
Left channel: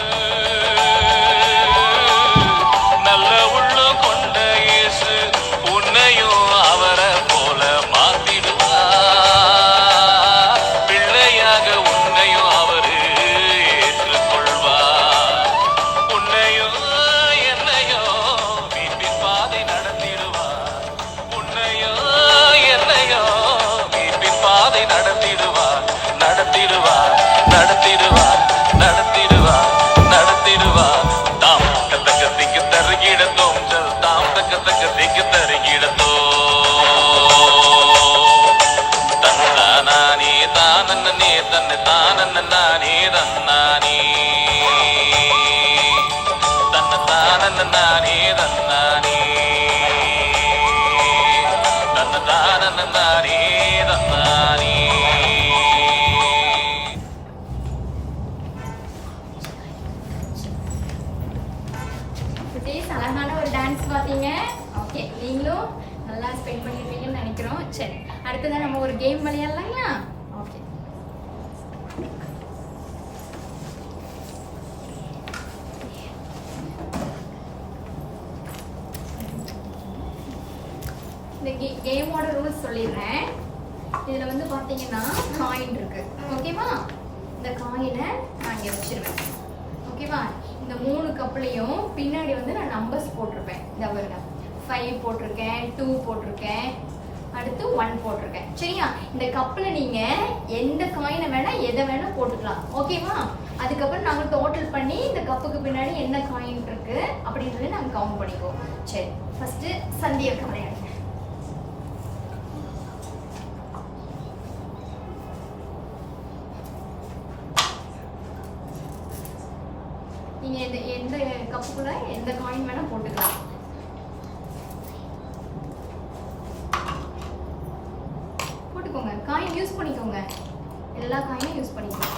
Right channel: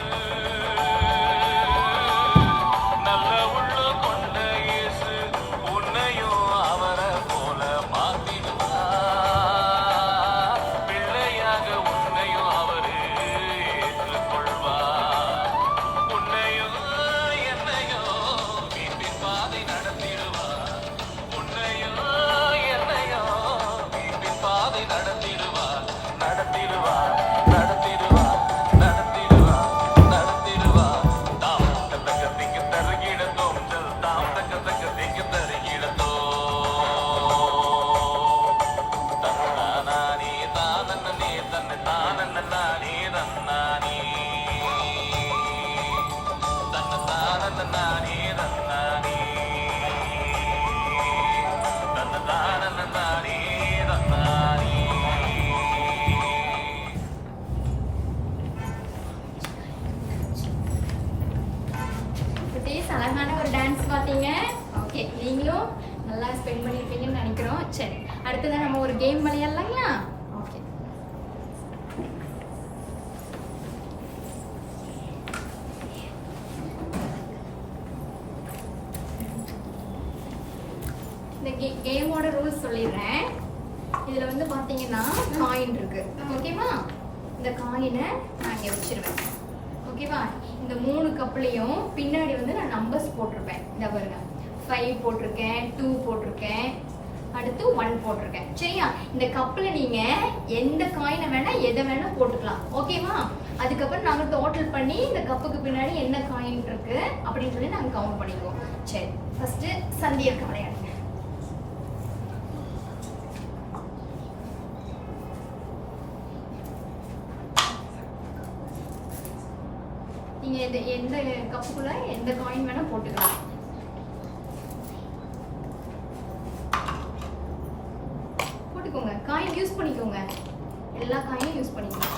நல்ல உள்ளம் கொண்ட இயேசு உன்னையும் அவரை போல மாத்திடுவார் பிள்ளையாக உன்னையும் அவரு ஏற்றுக்கொள்வார் உன்னையும் என்னையும் மீட்பின் பாதை நடத்திடுவார் உன்னையும் என்னையும் மீட்பின் பாதை நடத்திடுவார் நடத்திடுவார் நடத்திடுவார் நடத்திடுவார் நடத்திடுவார் தாம் தக்க திக்க தருகிடத்தோம் ஜல் தாம் தக்க தக்க திக்க தருகிடத்தோம் தன்னானே தானன்னே தன்னை தானன்னானே தன்னானே தன்ன தானன்னானே தன்னானே தன்ன தானன்னானே தன்னானே குட்டீஸ் அழகான ஒரு டான்ஸ் பார்த்தீங்க. ஓகே, நீங்களும் நல்லா ஸ்பெண்ட் பண்ணியிருப்பீங்கன்னு நினைக்கிறோம். சரி, அடுத்ததான் நம்ம ஒரு கேம் விளையாடலாங்களா? ஓகே, இந்த கேமோட ரூல்ஸ் சொல்லிடுறேன். இதில் வந்து பார்த்தீங்கன்னா காயின் இருக்கு. ஓகேவா? இந்த காயினை நான் இங்கே வச்சிருவேன். ஓகேவா? இந்த 3 கப்லையும் பின்னாடி வந்து நான் நம்பர்ஸ் போட்டிருப்பேன். இந்த பாருங்க, 5 போட்டிருக்கேன், 2 போட்டிருக்கேன், அடுத்து 1 போட்டிருக்கேன். சரியா? இந்த கப்பில் நீங்க எந்த காயினை வேணா எதை வேணா போட்டுக்கலாம். ஓகேவா? அதுக்கப்புறம் நாங்கள் டோட்டல் பண்ணி இந்த கப்புக்கு பின்னாடி என்ன காயின் இருக்கு அப்படின்னு சொல்லி நாங்கள் கவுண்ட் பண்ணிக்குவோம். சரி, ஃபர்ஸ்ட் சந்தியா விளையாடுங்க. நீங்க எந்த கப்புக்குள்ள எந்த காயின் வேணா போட்டுக்கலாம். போட்டுக்கோங்க, காயின் யூஸ் பண்ணிக்கோங்க, எல்லா காயினும் யூஸ் பண்ணிக்கோங்க.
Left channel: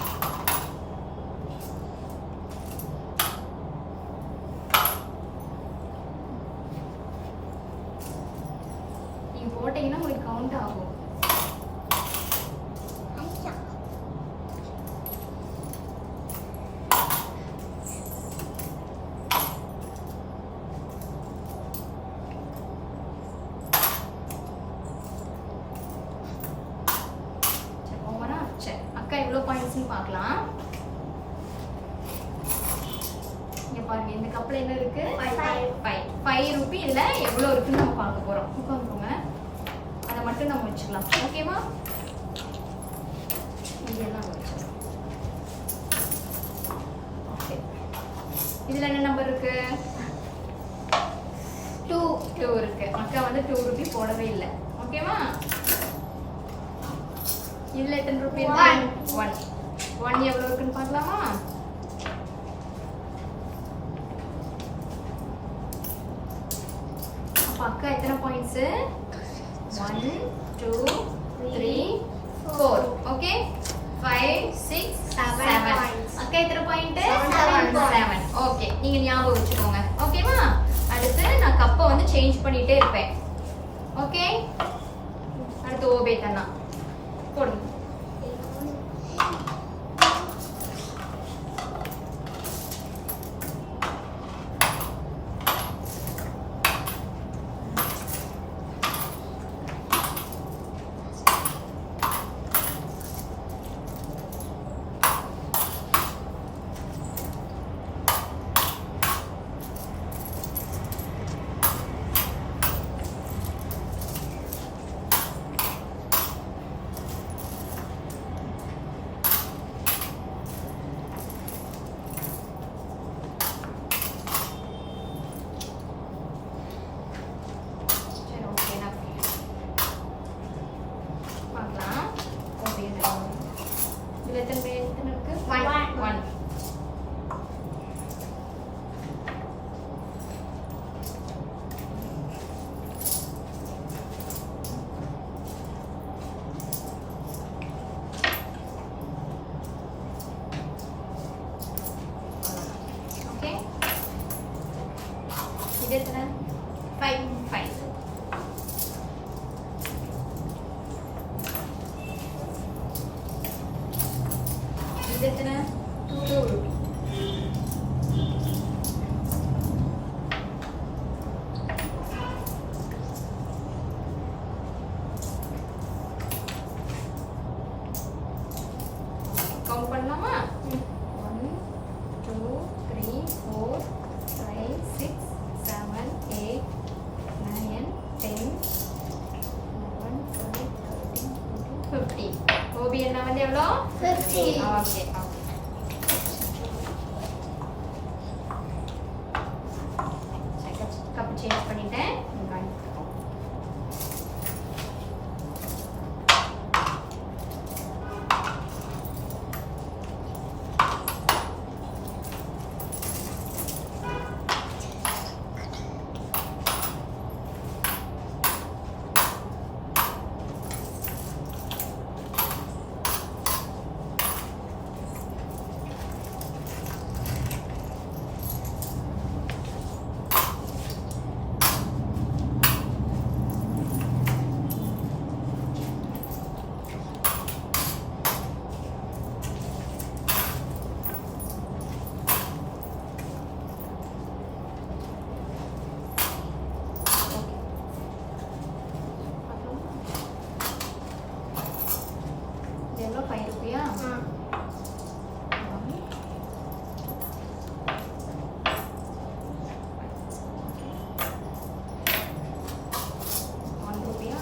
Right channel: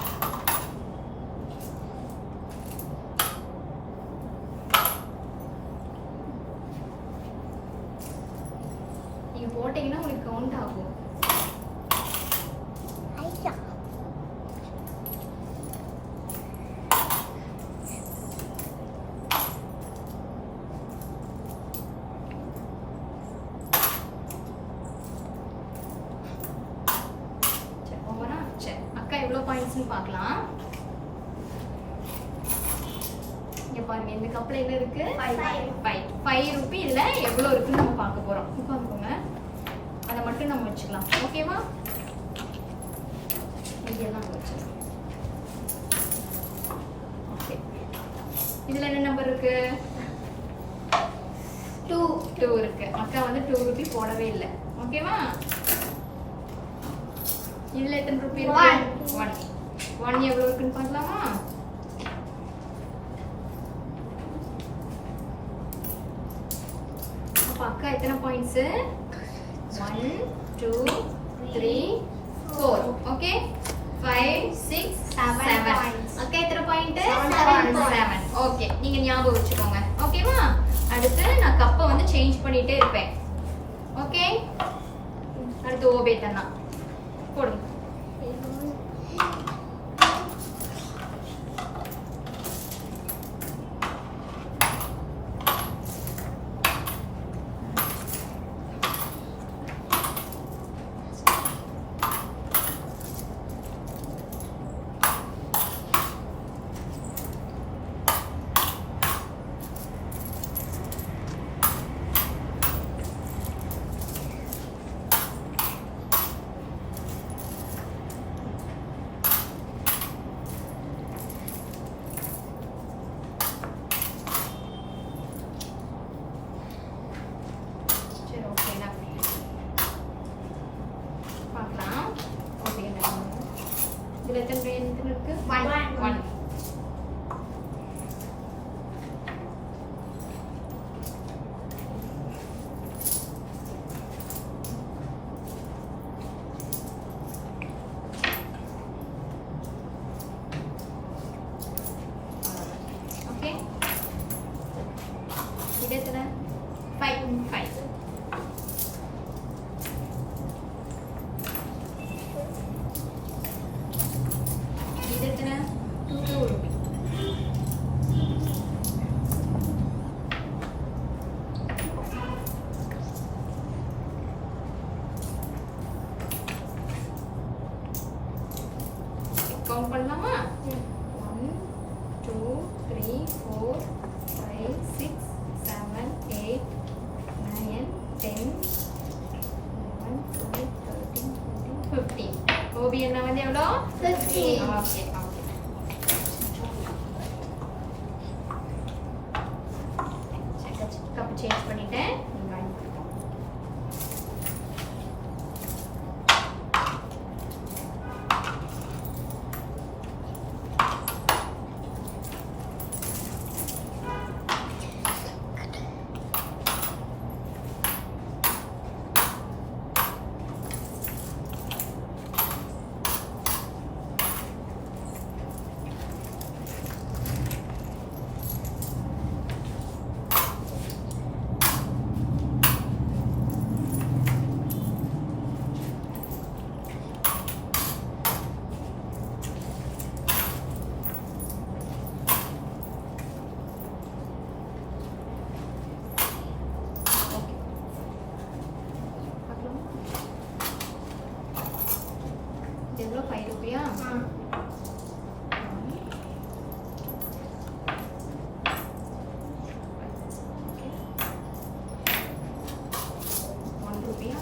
நீங்க போட்டீங்கன்னா உங்களுக்கு கவுண்ட் ஆகும். எவ்வளவு பாயிண்ட்ஸ்னு பார்க்கலாம். இங்க பாருங்க, இந்த கப்ல என்ன இருக்கு? 5 ரூபி. இதுல எவ்வளவு இருக்குன்னு நம்ம பார்க்க போறோம். உட்காந்துக்கோங்க, அதை மட்டும் நம்ம வச்சுக்கலாம். ஓகேவா? இதெல்லாம் வச்சுக்கலாம். ஓகே, இதுல என்ன நம்பர் இருக்கு? 2 இருக்கு. அக்கா வந்து 2 ரூபி போடவே இல்லை. ஓகேவா? இதுல எத்தனை ரூபி இருக்கு? 1 எவ்வளவு இருக்குன்னு பார்க்கலாமா? அப்ப அக்கா எத்தனை பாயிண்ட்ஸ்? 1 2 3 4. ஓகே, 5 6 7. அக்கா எத்தனை ஓகே, நீங்க ஞாபகம் வச்சுக்கோங்க. ஓகேவா? அடுத்து நான் கப்பை வந்து சேஞ்ச் பண்ணிட்டே இருப்பேன். ஓகே, அடுத்து ஓபே தன்னா போடுங்க. சரி, ஓகே, நான் பார்க்கலாம். ஓகே, இதுல எத்தனை இருக்கு? 1. ஓகே, இது எத்தனை? 5. இது எத்தனை? 2 ரூபி. கவுண்ட் பண்ணலாமா? 1 2 3 4 5 6 7 8 9 10 11 12 13 14 15. ஓபி என்ன வந்து எவ்வளோ? 15. Okay, okay. கப்பு சேஞ்ச் பண்ணிட்டேன். இங்க அனுப்பிடுவோம். எவ்வளோ? 5 ரூபியா? ஓகே, 1 ரூபியா?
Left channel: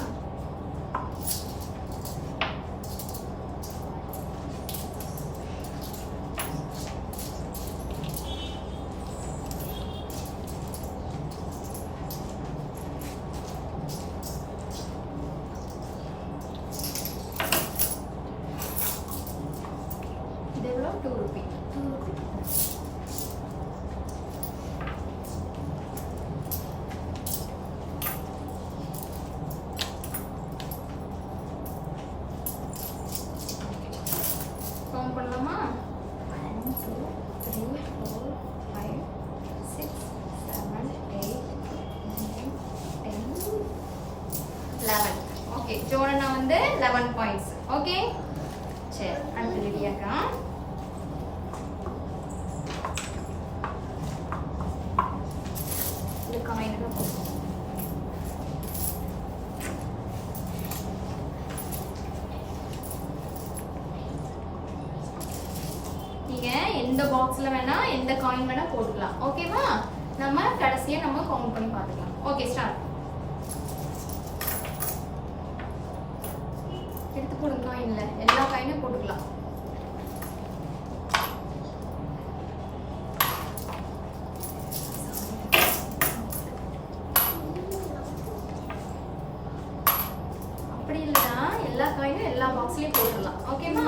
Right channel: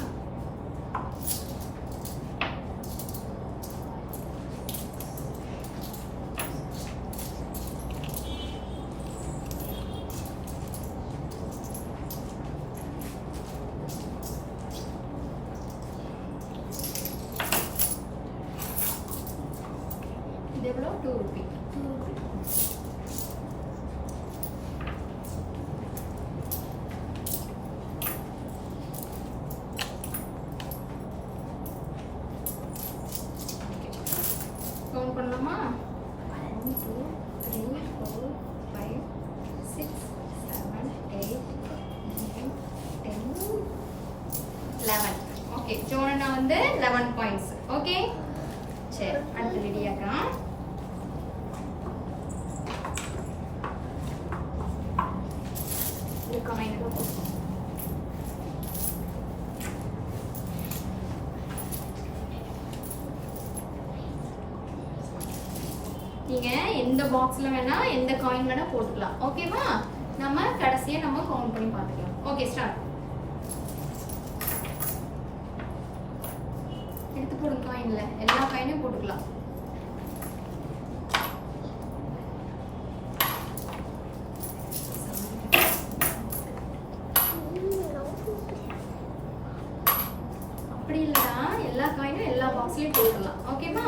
இது எவ்வளோ? 2 ரூபி. கவுண்ட் பண்ணலாமா? 1 2 3 4 5 6 7 8 9 10 11. ஓகே, ஜோனனா வந்து 11 பாயிண்ட்ஸ். ஓகே, சரி, அடுத்து லிடியாக்கா. இது காயின் தான் போடுவோம். நீங்க எந்த பாக்ஸ்ல வேணா எந்த காயின் வேணா போட்டுக்கலாம். ஓகேவா? நம்ம கடைசியா நம்ம கவுண்ட் பண்ணி பார்த்துக்கலாம். Okay, start. எடுத்து போடுங்க. காயின்ல எல்லா காயினும் போட்டுக்கலாம். அப்படி இல்லைன்னா எல்லா காயினும் எல்லா பாக்ஸ்லயும் போட்டுடலாம். ஓகேவா?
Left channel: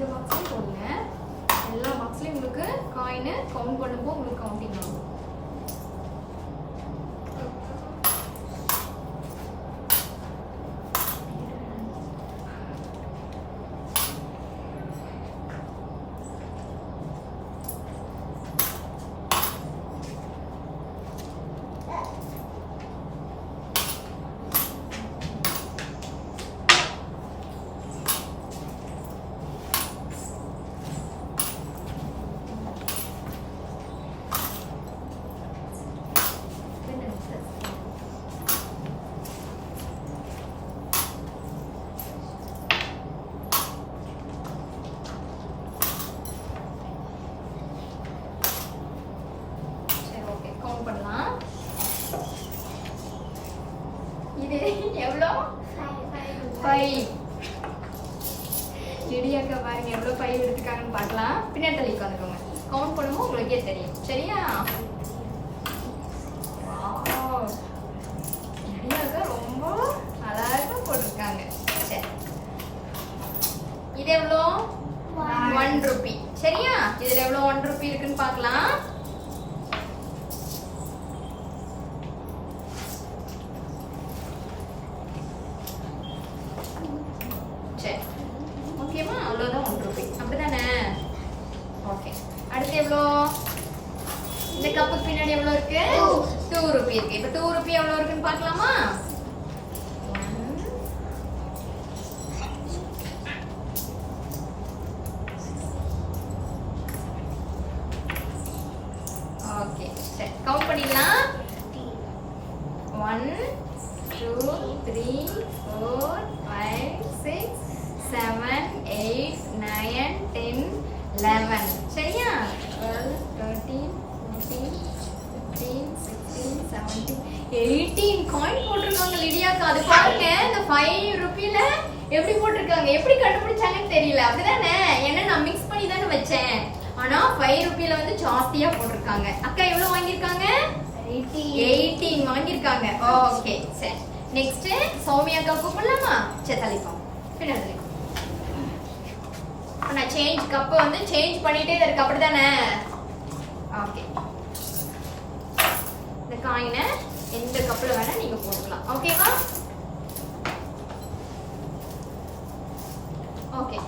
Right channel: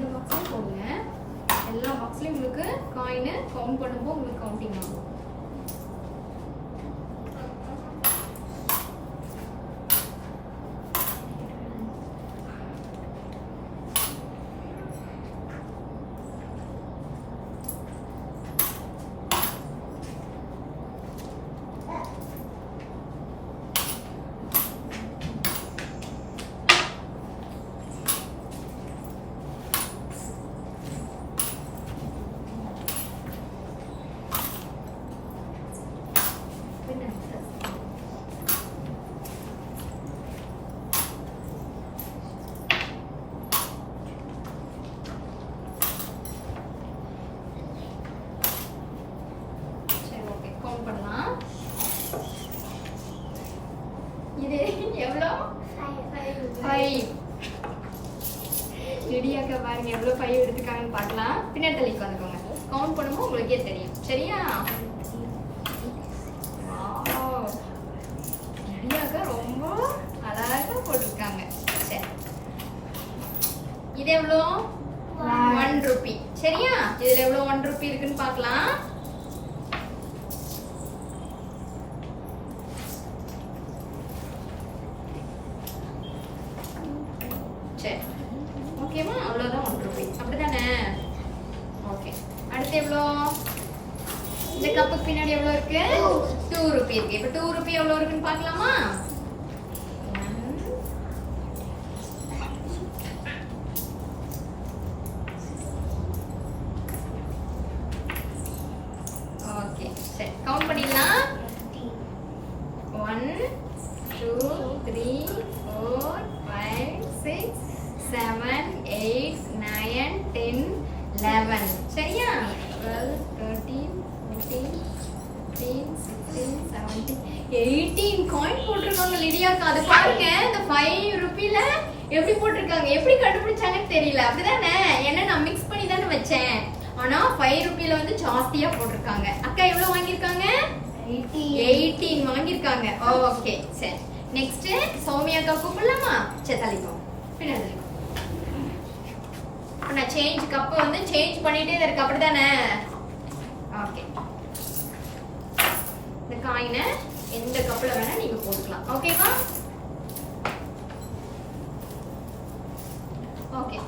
இந்த பாக்ஸ்லயும் போடுங்க. எல்லா பாக்ஸ்லயும் உங்களுக்கு காயின் கவுண்ட் பண்ணும்போது உங்களுக்கு கவுண்டிங் ஆகும். சரி ஓகே கவுண்ட் பண்ணலாம். இது எவ்வளோ? 5. லிடியாக்கா பாருங்க எவ்வளோ 5 எடுத்துக்காங்கன்னு பார்க்கலாம். பின்னாடி தள்ளி உட்காந்துக்கோங்க. கவுண்ட் பண்ணும்போது உங்களுக்கே தெரியும். சரியா? வாவ், லிடியாக்கா ரொம்ப அழகா போட்டிருக்காங்க. சரி, இது எவ்வளோ? 1 ரூபி. சரியா? இதுல எவ்வளோ 1 ரூபி இருக்குன்னு பார்க்கலாம். சரி ஓகேவா? அவ்வளோதான் 1 ரூபி. அப்படிதானே? ஓகே. அடுத்து எவ்வளோ? இந்த கப்புக்கு பின்னாடி எவ்வளோ இருக்கு? 2 ரூபி இருக்கு. இப்போ 2 ரூபி எவ்வளோ இருக்குன்னு பார்க்கலாமா? 1 ஓகே. சரி கவுண்ட் பண்ணிடலாம். 1 2 3 4 5 6 7 8 9 10 11. சரியா? 12 13 14 15 16 17 18 காயின் போட்டிருக்காங்க லிடியாக்கா. அது பாருங்க, இந்த 5 ரூபியில எப்படி போட்டிருக்காங்க, எப்படி கண்டுபிடிச்சாங்கன்னு தெரியல. அப்படிதானே? ஏன்னா நான் மிக்ஸ் பண்ணி தானே வச்சேன். ஆனா 5 ரூபியில வந்து ஜாஸ்தியா போட்டிருக்காங்க. அக்கா எவ்வளவு வாங்கியிருக்காங்க? 18 வாங்கியிருக்காங்க. ஓகே சரி. நெக்ஸ்ட் சௌமியாக்கா கூப்பிடலாமா? சரி தள்ளிக்கோ, பின்னாடி தள்ளிக்கோ. நான் சேஞ்ச் கப்பை வந்து சேஞ்ச் பண்ணிட்டே தான் இருக்கு. அப்படிதானே? ஓகே. இந்த காயினை எந்த கப்பில் வேணா நீங்க போட்டுக்கலாம். ஓகேவா? ஓகே.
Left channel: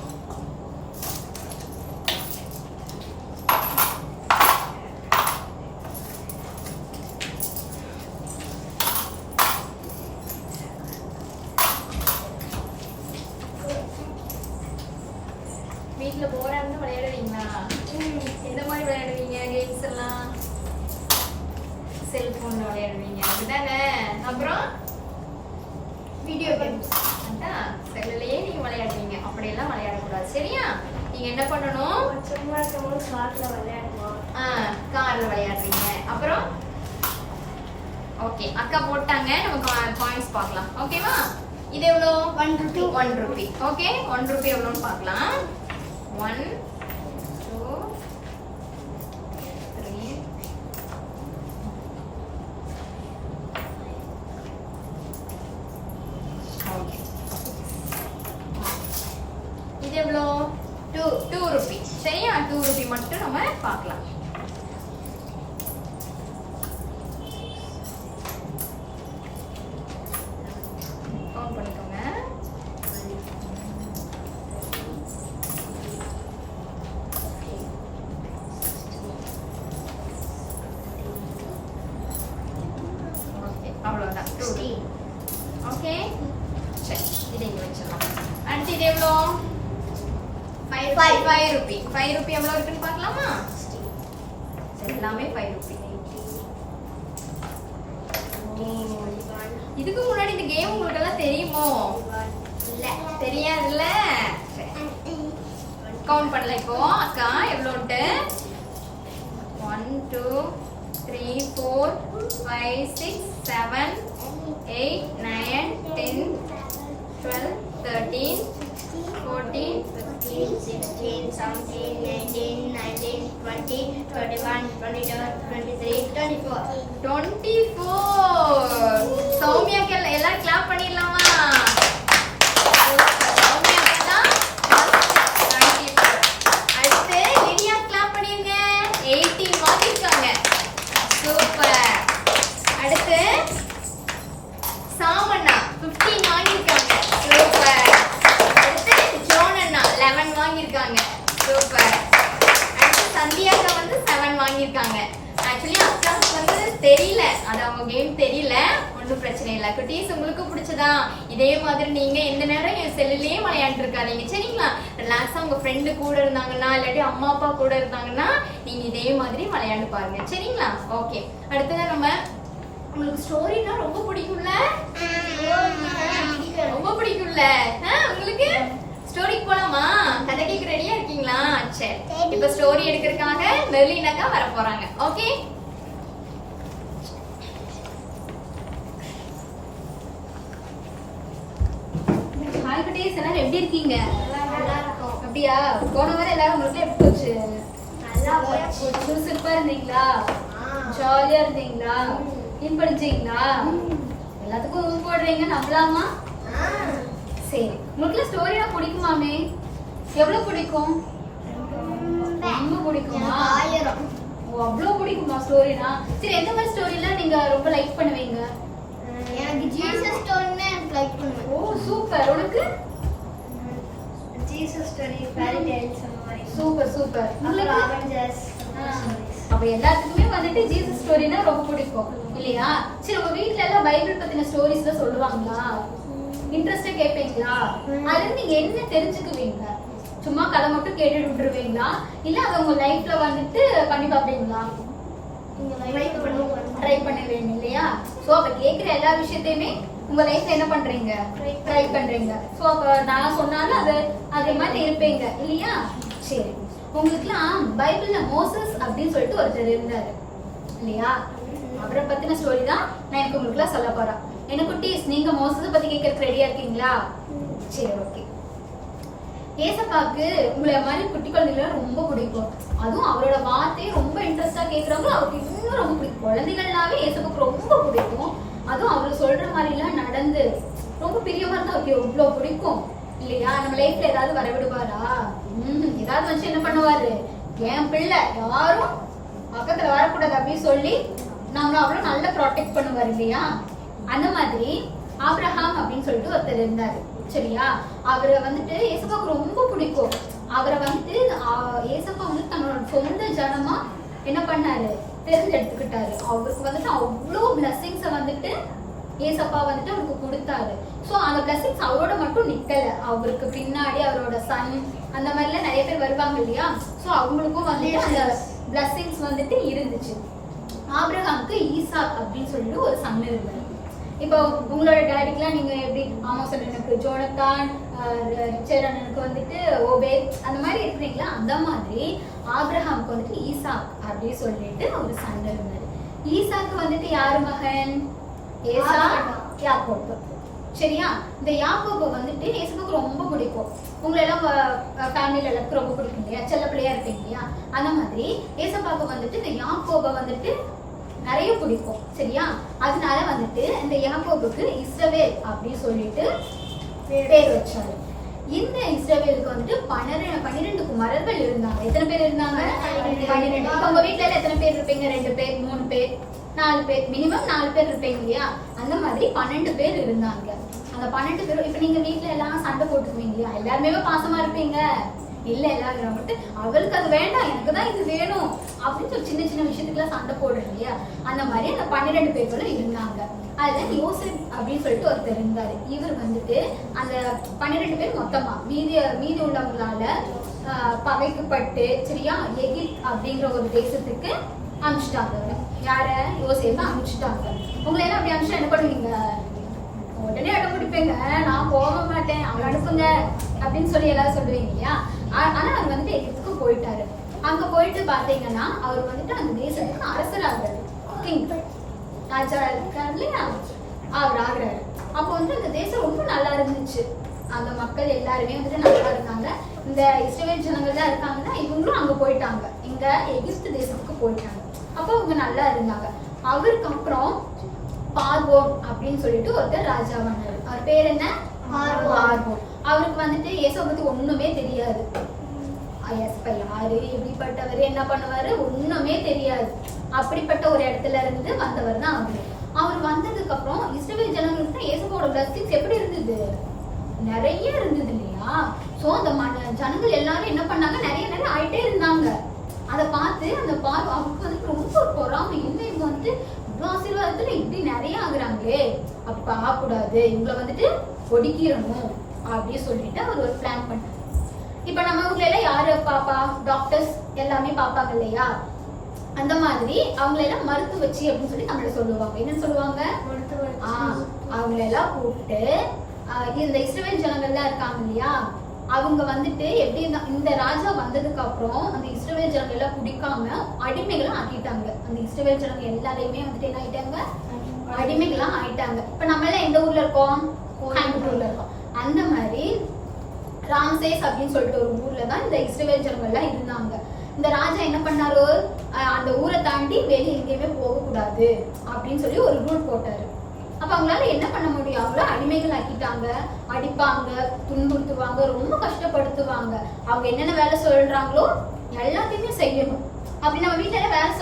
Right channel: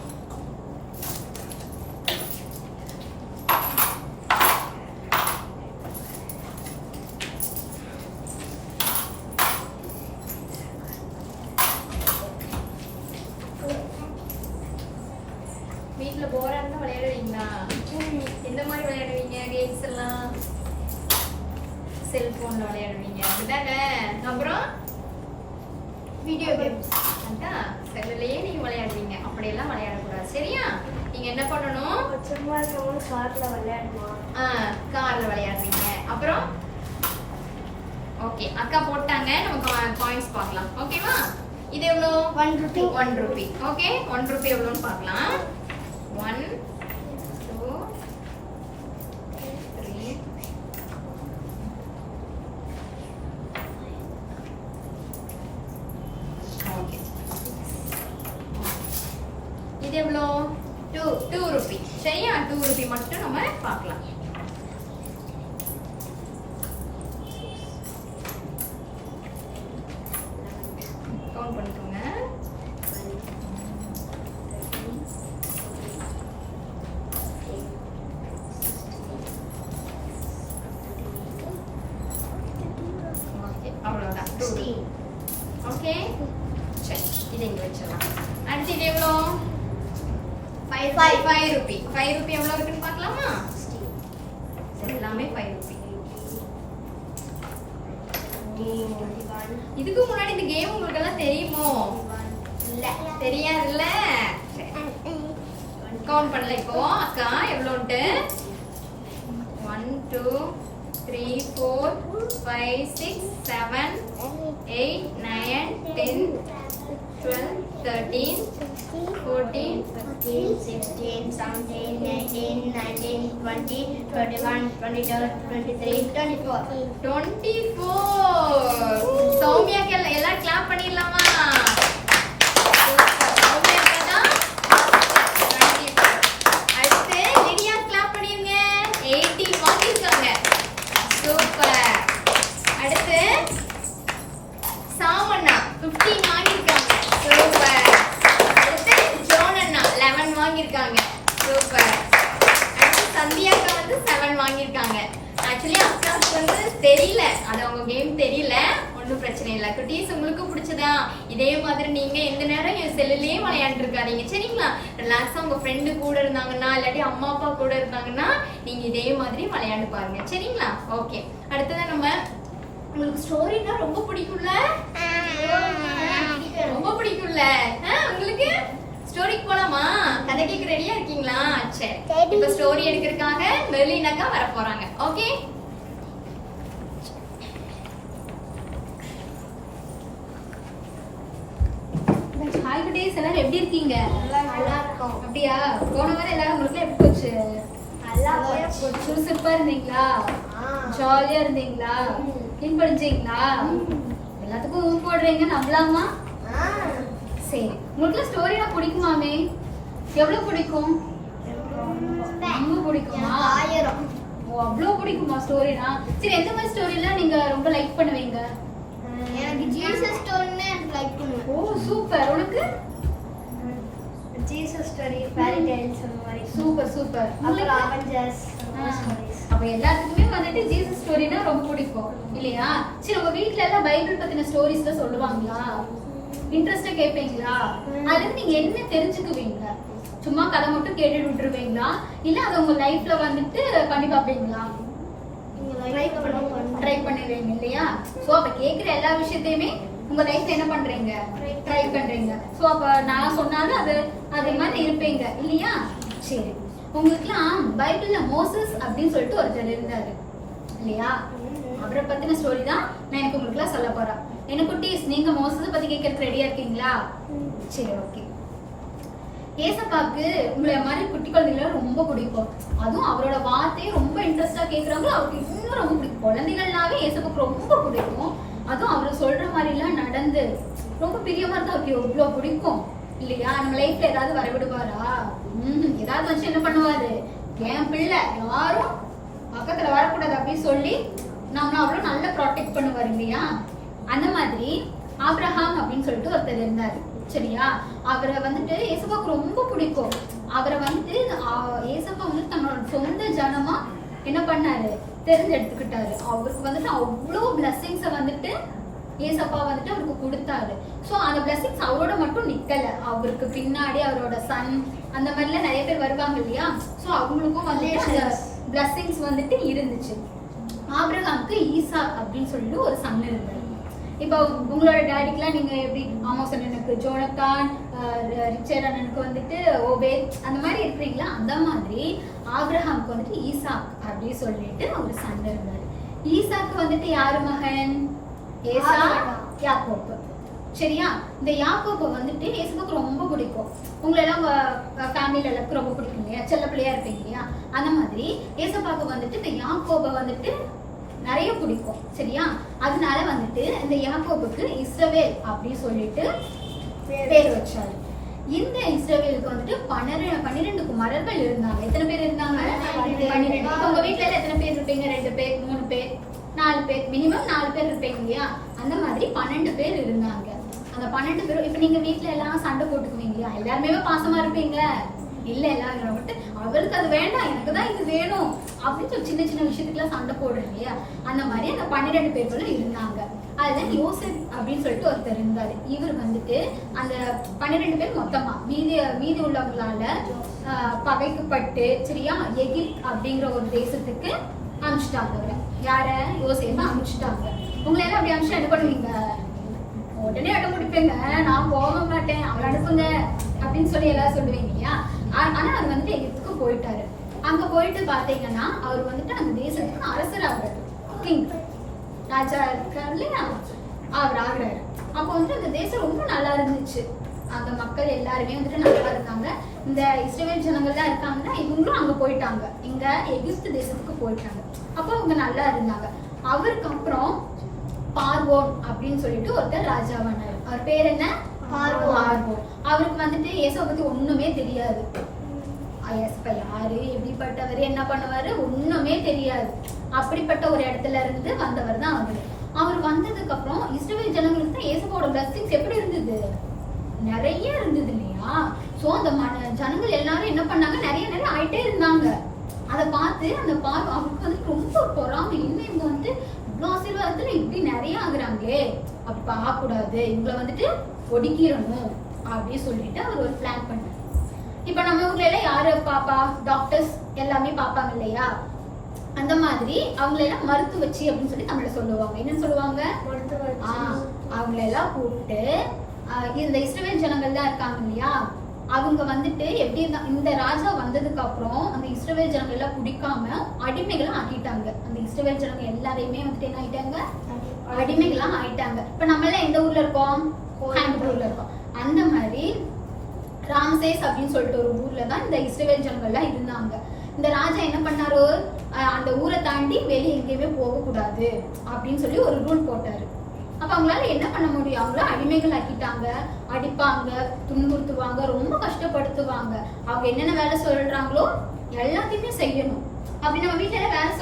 வீட்ல போரா இருந்தா விளையாடுவீங்களா? எந்த மாதிரி விளையாடுவீங்க? கேம்ஸ் எல்லாம் செல்போன்ல விளையாடுவீங்க. அப்படிதானே? அப்புறம் வீடியோ கேம்ஸ் அதான் செல்லுலயே நீங்க விளையாடுவீங்க. அப்படியெல்லாம் விளையாடக்கூடாது. சரியா? நீங்க என்ன பண்ணணும்? சும்மா இருக்கும்போது கார்ல விளையாடுவோம். கார்ல விளையாடுவீங்க. அப்புறம் ஓகே அக்கா போட்டாங்க. நம்ம பாயிண்ட்ஸ் பார்க்கலாம். ஓகேவா? இது எவ்வளோ? 1 ரூபி. 1 ரூபி. ஓகே 1 ரூபி எவ்வளோன்னு பார்க்கலாம். 1 2 3 ஓகே. இது எவ்வளோ? 2 ரூபி. சரியா? 2 ரூபி மட்டும் நம்ம பார்க்கலாம். கவுண்ட் பண்ணிக்கோங்க. ஓகே அவ்வளோதான் 2 ரூபி. ஓகே சரி இதை இங்கே வச்சிடலாம். அடுத்து இது எவ்வளோ? 5 ரூபி. 5 ரூபி எவ்வளோ இருக்குன்னு பார்க்கலாமா? சரி எல்லாமே 5 ரூபி. இதுக்கு முன்னாடி இந்த கேம் உங்களுக்கு எல்லாம் தெரியுமோ? இல்ல தெரியாதுல்ல. கவுண்ட் பண்ணல. இப்போ அக்கா எவ்வளோன்ட்டு 1 2 3 4 5 6 7 8 9 10 12 13 14 15, 16, 17, 18, 19, 20, 21, 22, 23, 24. 24. சௌமியாக்கு எல்லாரும் கிளாப் பண்ணிடலாமா? சௌமியாக்கு தான் 24. வாங்கியிருக்காங்க. சூப்பர். அடுத்து சந்தியா அக்கா வந்து 7 வாங்கியிருக்காங்க. ஆக்சுவலி அக்காவுக்கு வந்து தெரியல, அது அவங்க கேம் தெரியல, ஒன்றும் பிரச்சனை இல்லை. குட்டீஸ் உங்களுக்கு பிடிச்சதா இதே மாதிரி நீங்க எந்த நேரம் என் செல்லுலயே விளையாண்டு இருக்காதீங்க சரிங்களா. ரிலாக்ஸா உங்க ஃப்ரெண்டு கூட இருந்தாங்கன்னா இல்லாட்டி அம்மா அப்பா கூட இருந்தாங்கன்னா நீங்க இதே மாதிரி விளையாண்டு பாருங்க சரிங்களா. ஓகே, அடுத்ததான் நம்ம உங்களுக்கு ஸ்டோரினா ரொம்ப பிடிக்கும்ல, ரொம்ப பிடிக்கும்ல உங்களுக்கு. ஸ்டோரிக்கு போலாமா? கதை கேட்க ரெடியா இருக்கீங்களா? சரி, இப்ப ஸ்டோரி எடுக்கிறதுக்காக மெர்லின் அக்கா வர போறாங்க. ஓகே, ஹாய் குட்டீஸ், எல்லாரும் எப்படி இருக்கீங்க? நல்லா இருக்கும். அப்படியா? போன வாரம் எல்லாரும் உங்களுக்கு எப்படி போச்சு? நல்லா போச்சு. சுறுசுறுப்பா இருந்தீங்களா? ஜாலியா இருந்தீங்களா? கிளீன் படிச்சீங்களா? எல்லாத்துக்கும் போடுறீங்க, நம்பலாமா? சரி, உங்களுக்கு ஸ்டோரியா பிடிக்குமாமே? எவ்வளவு பிடிக்கும்? ரொம்ப பிடிக்குமா? 1000. ஓ, அவ்வளவு பிடிக்குமா ஸ்டோரினா? சரி, எந்த மாதிரி ஸ்டோரிலாம் நீங்க ரொம்ப லைக் பண்ணுவீங்க? எனக்கு ஜீசஸ் ஸ்டோரினா எனக்கு லைக் பண்ணுவேன். ஓ சூப்பர். உனக்கு? ஜீசஸ் ஸ்டோரி, ஃபேரி டேல்ஸ் அந்த மாதிரி. Super super. உங்களுக்கு? அவெஞ்சர்ஸ் அப்ப எல்லாத்துக்குமே வந்துட்டு ஜீசஸ் ஸ்டோரினா ரொம்ப பிடிக்கும் இல்லையா? சரி, உங்க வீட்ல எல்லாம் பைபிள் பத்தின ஸ்டோரிஸ் தான் சொல்லுவாங்களா? இன்ட்ரெஸ்டா கேட்பீங்களா? அதுல இருந்து நீங்க என்ன தெரிஞ்சுக்குவீங்க? சும்மா கதை மட்டும் கேட்டுட்டு விட்டுருவீங்களா, இல்ல அதை உங்க லைஃப்ல வந்துட்டு பண்ணி பார்ப்பீங்களா? ட்ரை பண்ணுவீங்க இல்லையா? சோ அப்ப கேக்குற எல்லா விஷயத்தையுமே உங்க லைஃப்ல என்ன பண்றீங்க? ட்ரை பண்றீங்க. சோ அப்ப நான் சொன்னாலும் அது மாதிரி இருப்பீங்க இல்லையா? சரி, உங்களுக்குலாம் பைபிள்ல மோசஸ் அப்படின்னு சொல்லிட்டு ஒருத்தர் இருந்தாரு இல்லையா? அவரை பத்தின ஸ்டோரி தான் நான் எனக்கு உங்களுக்குலாம் சொல்ல போறேன். என்ன குட்டீஸ், நீங்க மோசஸ் பத்தி கேட்கறதுக்கு ரெடியா இருக்கீங்களா? சரி, ஓகே. ஏசப்பாக்கு உங்களை மாதிரி குட்டி குழந்தைகளை ரொம்ப பிடிக்கும். அதுவும் அவரோட வார்த்தையை ரொம்ப இன்ட்ரெஸ்டா கேட்கறவங்க அவருக்கு இன்னும் ரொம்ப பிடிக்கும். குழந்தைகள்னாவே ஏசப்பாக்கு ரொம்ப பிடிக்கும். அதுவும் அவர் சொல்ற மாதிரி எல்லாம் நடந்து ரொம்ப பிரியமா இருந்தா அவருக்கு எவ்வளவு பிடிக்கும் இல்லையா? நம்ம லைஃப்ல ஏதாவது வரவிடுவாரா? ஏதாவது மனுஷன் என்ன பண்ணுவாரு? என் பிள்ளை யாரும் பக்கத்துல வரக்கூடாது அப்படின்னு சொல்லி நம்மள அவ்வளவு நல்லா ப்ரொடெக்ட் பண்ணுவாரு இல்லையா? அந்த மாதிரி ஆபிரகாம் அப்படின்னு சொல்லிட்டு ஒருத்தர் இருந்தாரு சரியா? அவரை வந்துட்டு ஏசப்பாக்கு ரொம்ப பிடிக்கும். அவரை வந்துட்டு ஏசப்பா வந்து தன்னோட சொந்த ஜனமா என்ன பண்ணாரு? தேர்ந்தெடுத்துக்கிட்டாரு. அவருக்கு வந்துட்டு அவ்வளோ பிளஸிங்ஸ வந்துட்டு ஏசப்பா வந்துட்டு அவருக்கு கொடுத்தாரு. சோ அந்த பிளஸிங்ஸ் அவரோட மட்டும் நிக்கல, அவருக்கு பின்னாடி அவரோட சன் அந்த மாதிரிலாம் நிறைய பேர் வருவாங்க இல்லையா? சோ அவங்களுக்கும் வந்துட்டு அந்த பிளஸிங்ஸ் வந்துட்டு இருந்துச்சு. ஆபிரகாமுக்கு ஈசாக் அப்படின்னு சொல்லிட்டு ஒரு சன் இருந்தாரு. இப்போ உங்களோட டேடிக்குலாம் நீங்க எப்படி ஆமோஸ் அண்ணனுக்கு ஜோனத்தான், ரிச்சர்ட் அண்ணனுக்கு வந்துட்டு ஓபேத் அந்த மாதிரி இருக்கிறீங்களா? அந்த மாதிரி ஆபிரகாமுக்கு வந்துட்டு ஈசாக் அப்படின்னு சொல்லிட்டு ஒரு சன் இருந்தாரு. ஈசாக்கு வந்துட்டு யாரு மகன்? ஏசா, யாக்கோபு சரியா? இந்த யாக்கோபு வந்துட்டு ஏசப்பாக்கு ரொம்ப பிடிக்கும். உங்களை எல்லாம் ஃபேமிலியில எல்லாருக்கும் ரொம்ப பிடிக்கும் இல்லையா? செல்ல பிள்ளையா இருப்பீங்க இல்லையா? அந்த மாதிரி ஏசப்பாக்கு வந்துட்டு இந்த யாக்கோபை வந்துட்டு நிறைய பிடிக்கும் சரியா? அதனால வந்துட்டு இந்த யாக்கோபுக்கு இஸ்ரவேல் அப்படின்னு சொல்லிட்டு பேர் வச்சாரு. இந்த இஸ்ரவேலுக்கு வந்துட்டு 12 குமாரர்கள் இருந்தாங்க. எத்தனை பேர் இருந்தாங்க? 12. உங்க வீட்டுல எத்தனை பேர் இருப்பீங்க? 2 பேர், 3 பேர், 4 பேர், மினிமம் 4 பேர் இருப்பீங்க இல்லையா? அந்த மாதிரி 12 பேர் இருந்தாங்க. அந்த 12 பேரும் இப்ப நீங்க வீட்டுல எல்லாம் சண்டை போட்டுக்குவீங்க இல்லையா? எல்லாருமே பாசமா இருப்பீங்க இல்ல? எல்லாரும் வந்துட்டு அவளுக்கு அது வேண்டாம், எனக்கு தான் இது வேணும் அப்படின்னு ஒரு சின்ன சின்ன விஷயத்துக்குலாம் சண்டை போடுறீங்க இல்லையா? அந்த மாதிரி அந்த 12 பேர்களும் இருந்தாங்க. அதுல யோசேப் அப்படின்னு சொல்லிட்டு ஒருத்தர் இருந்தாரு. இவர் வந்துட்டு அந்த 12 பேர் மொத்தமா மீதி உள்ளவங்களால பகைக்கப்பட்டு சரியா எகிப்த் அப்படிங்கிற ஒரு தேசத்துக்கு அனுப்பிச்சிட்டாங்க. அவரை யார? யோசேப்பை அனுப்பிச்சிட்டாங்க. உங்களை எல்லாம் அப்படி அனுப்பிச்சா என்ன பண்ணுவீங்க? உடனே அடம் பிடிப்பீங்க, நான் போக மாட்டேன், அவரை அனுப்புங்க அப்படின்னு சொல்லி எல்லாரும் சொல்லுவீங்க இல்லையா? ஆனா அவர் வந்துட்டு எகிப்துக்கு போயிட்டாரு. அங்க போயிட்டு பாத்தீங்கன்னா அவர் வந்துட்டு அந்த தேசத்துக்கு அரசர் ஆகுறாரு. கிங், ராஜா இருக்காரு இல்லையா? அவர் ஆகுறாரு. அப்போ வந்து அந்த தேசம் ரொம்ப நல்லா இருந்துச்சு. அந்த மக்கள் எல்லாருமே வந்துட்டு நல்லா இருந்தாங்க. இந்த இஸ்ரவேல் ஜனங்கள் தான் இருக்காங்கன்னா இவங்களும் அங்க போயிட்டாங்க, இங்க எகிப்து தேசத்துக்கு போயிட்டாங்க. அப்போ அவங்க நல்லா இருந்தாங்க. அவருக்கு அப்புறம் பார்வோன் அப்படின்னு சொல்லிட்டு ஒருத்தர் ராஜாவானாரு. அவர் பேர் என்ன? பார்வோன். அவருக்கு வந்துட்டு இயேசுவை பத்தி ஒண்ணுமே தெரியாது. யாரு, எப்படிப்பட்டவர், என்ன பண்ணுவாரு ஒண்ணுமே தெரியாது. அப்படிப்பட்ட ஒரு இடத்துல இருந்து வந்தவர் தான் அவரு. அவர் வந்ததுக்கு அப்புறம் இஸ்ரவேல் ஜனங்களுக்கு தான் இயேசுவோட பிளஸிங்ஸ் எப்படி இருந்தது? நிறைய இருந்தது இல்லையா. சோ அந்த ஜனங்கள் எல்லாரும் என்ன பண்ணாங்க, நிறைய நிறைய ஆயிட்டே இருந்தாங்க. அதை பார்த்து அந்த அவருக்கு வந்து ரொம்ப பொறாமை, என்ன இவங்க வந்து இவ்வளவு ஆசீர்வாதத்துல இப்படி நிறைய ஆகுறாங்களே, அப்படி பார்க்க கூடாது, இவங்களை வந்துட்டு ஒடுக்கிடணும் அப்படின்னு சொல்லிட்டு அவர் ஒரு பிளான் பண்ணார். இப்ப நம்ம ஊர்ல எல்லாம் யாரு பாப்பா, டாக்டர்ஸ் எல்லாமே பாப்பாங்க இல்லையா, அந்த மாதிரி அவங்கள எல்லாம் மருத்துவச்சி அப்படின்னு சொல்லி தமிழ்ல சொல்லுவாங்க. என்னன்னு சொல்லுவாங்க, அவங்கள எல்லாம் கூப்பிட்டு இந்த இஸ்ரவேல் ஜனங்கள்லாம் இருக்காங்க இல்லையா, அவங்க வந்துட்டு எப்படி இந்த ராஜா வந்ததுக்கு அப்புறம் அந்த இஸ்ரவேல் ஜனங்கள் எல்லாம் குடிக்காம அடிமைகளும் ஆக்கிட்டாங்க. அந்த இஸ்ரவேல் ஜனங்க எல்லாரையுமே வந்துட்டு என்ன ஆயிட்டாங்க, அடிமைகளா ஆயிட்டாங்க. இப்ப நம்ம எல்லாம் எந்த ஊர்ல இருக்கோம், கோயம்புத்தூர்ல இருக்கோம். அந்த மாதிரி ராம்சேஸ் அப்படின்னு சொல்லிட்டு ஒரு ஊர்ல தான் இந்த இஸ்ரவேல் ஜனங்கள் எல்லாம் இருந்தாங்க. இந்த ராஜா என்ன பண்ணாரு, அந்த ஊரை தாண்டி வெளியே எங்கேயுமே போக கூடாது அப்படின்னு சொல்லி ஒரு ரூல் போட்டாரு. அப்ப அவங்களால என்ன பண்ண முடியும், அவங்கள அடிமைகள் ஆக்கிட்டாங்க, அடிப்பாங்க, துன்புறுத்துவாங்க, ரொம்ப கஷ்டப்படுத்துவாங்க. அவங்க என்னென்ன வேலை சொல்றாங்களோ எல்லாத்தையுமே செய்யணும். அப்படி நம்ம வீட்டுல வேலை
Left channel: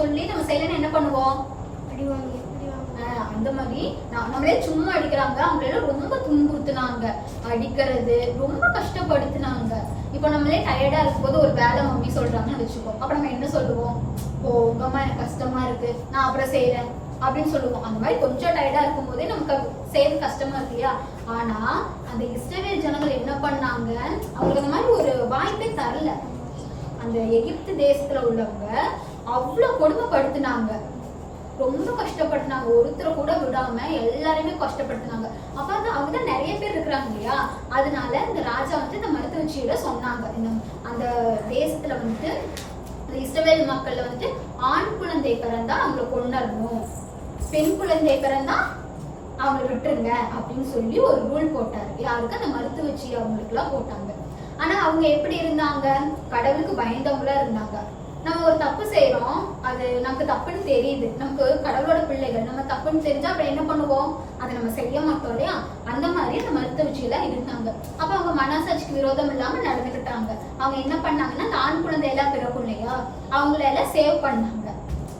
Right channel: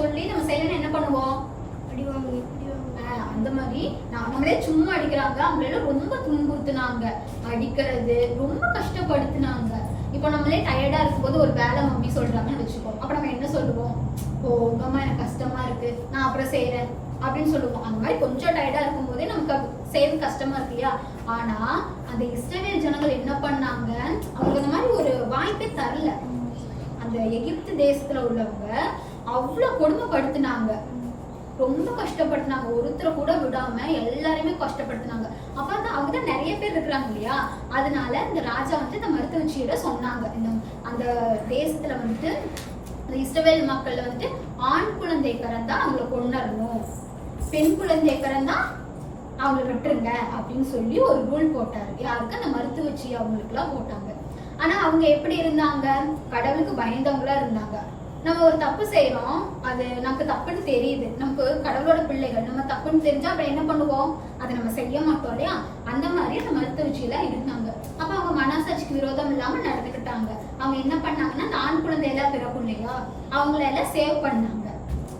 சொல்லி நம்ம செய்யலன்னு என்ன பண்ணுவோம், அடிவாங்க. அந்த மாதிரி நம்மளே சும்மா அடிக்கிறாங்க, அவங்கள ரொம்ப துன்புறுத்துனாங்க, அடிக்கிறது ரொம்ப கஷ்டப்படுத்தினாங்க. இப்ப நம்மளே டயர்டா இருக்கும்போது ஒரு வேலை மம்மி சொல்றாங்கன்னு வச்சுக்கோ, அப்ப நம்ம என்ன சொல்லுவோம், உங்கம்மா எனக்கு கஷ்டமா இருக்கு, நான் அப்புறம் செய்யறேன் அப்படின்னு சொல்லுவோம். அந்த மாதிரி கொஞ்சம் டயர்டா இருக்கும் போதே நமக்கு செய்யறது கஷ்டமா இருக்கியா. ஆனா அந்த இஸ்ரவேல் ஜனங்கள் என்ன பண்ணாங்க, அவங்களுக்கு அந்த மாதிரி ஒரு வாய்ப்பே தரல. அந்த எகிப்து தேசத்துல உள்ளவங்க அவ்வளவு கொடுமைப்படுத்தினாங்க, ரொம்ப கஷ்டப்படுத்தினாங்க, ஒருத்தரை கூட விடாம எல்லாருமே கஷ்டப்படுத்தினாங்க. அப்ப அவங்கதான் நிறைய பேர் இருக்கிறாங்க இல்லையா, அதனால இந்த ராஜா வந்து இந்த மருத்துவச்சியோட சொன்னாங்க, அந்த தேசத்துல வந்துட்டு இந்த இஸ்ரவேல் மக்கள்ல வந்துட்டு ஆண் குழந்தை பிறந்தா அவங்களை கொண்டுறணும், பெண் குழந்தை பிறந்தா அவங்களை விட்டுருங்க அப்படின்னு சொல்லி ஒரு ரூல் போட்டாரு. யாருக்கு, அந்த மருத்துவச்சி அவங்களுக்கு எல்லாம் போட்டாங்க. ஆனா அவங்க எப்படி இருந்தாங்க, கடவுளுக்கு பயந்தவங்களா இருந்தாங்க. நம்ம ஒரு தப்பு செய்யறோம், அது நமக்கு தப்புன்னு தெரியுது, நமக்கு கடவுளோட பிள்ளைகள், நம்ம தப்புன்னு தெரிஞ்சா அப்புறம் என்ன பண்ணுவோம், அதை நம்ம செய்ய மாட்டோம் இல்லையா. அந்த மாதிரி அந்த மருத்துவச்சியெல்லாம் இருந்தாங்க. அப்ப அவங்க மனசாட்சிக்கு விரோதம் இல்லாம நடந்துக்கிட்டாங்க. அவங்க என்ன பண்ணாங்கன்னா, அந்த ஆண் குழந்தை எல்லாம் பிறக்கும் இல்லையா, அவங்கள எல்லாம் சேவ் பண்ணாங்க,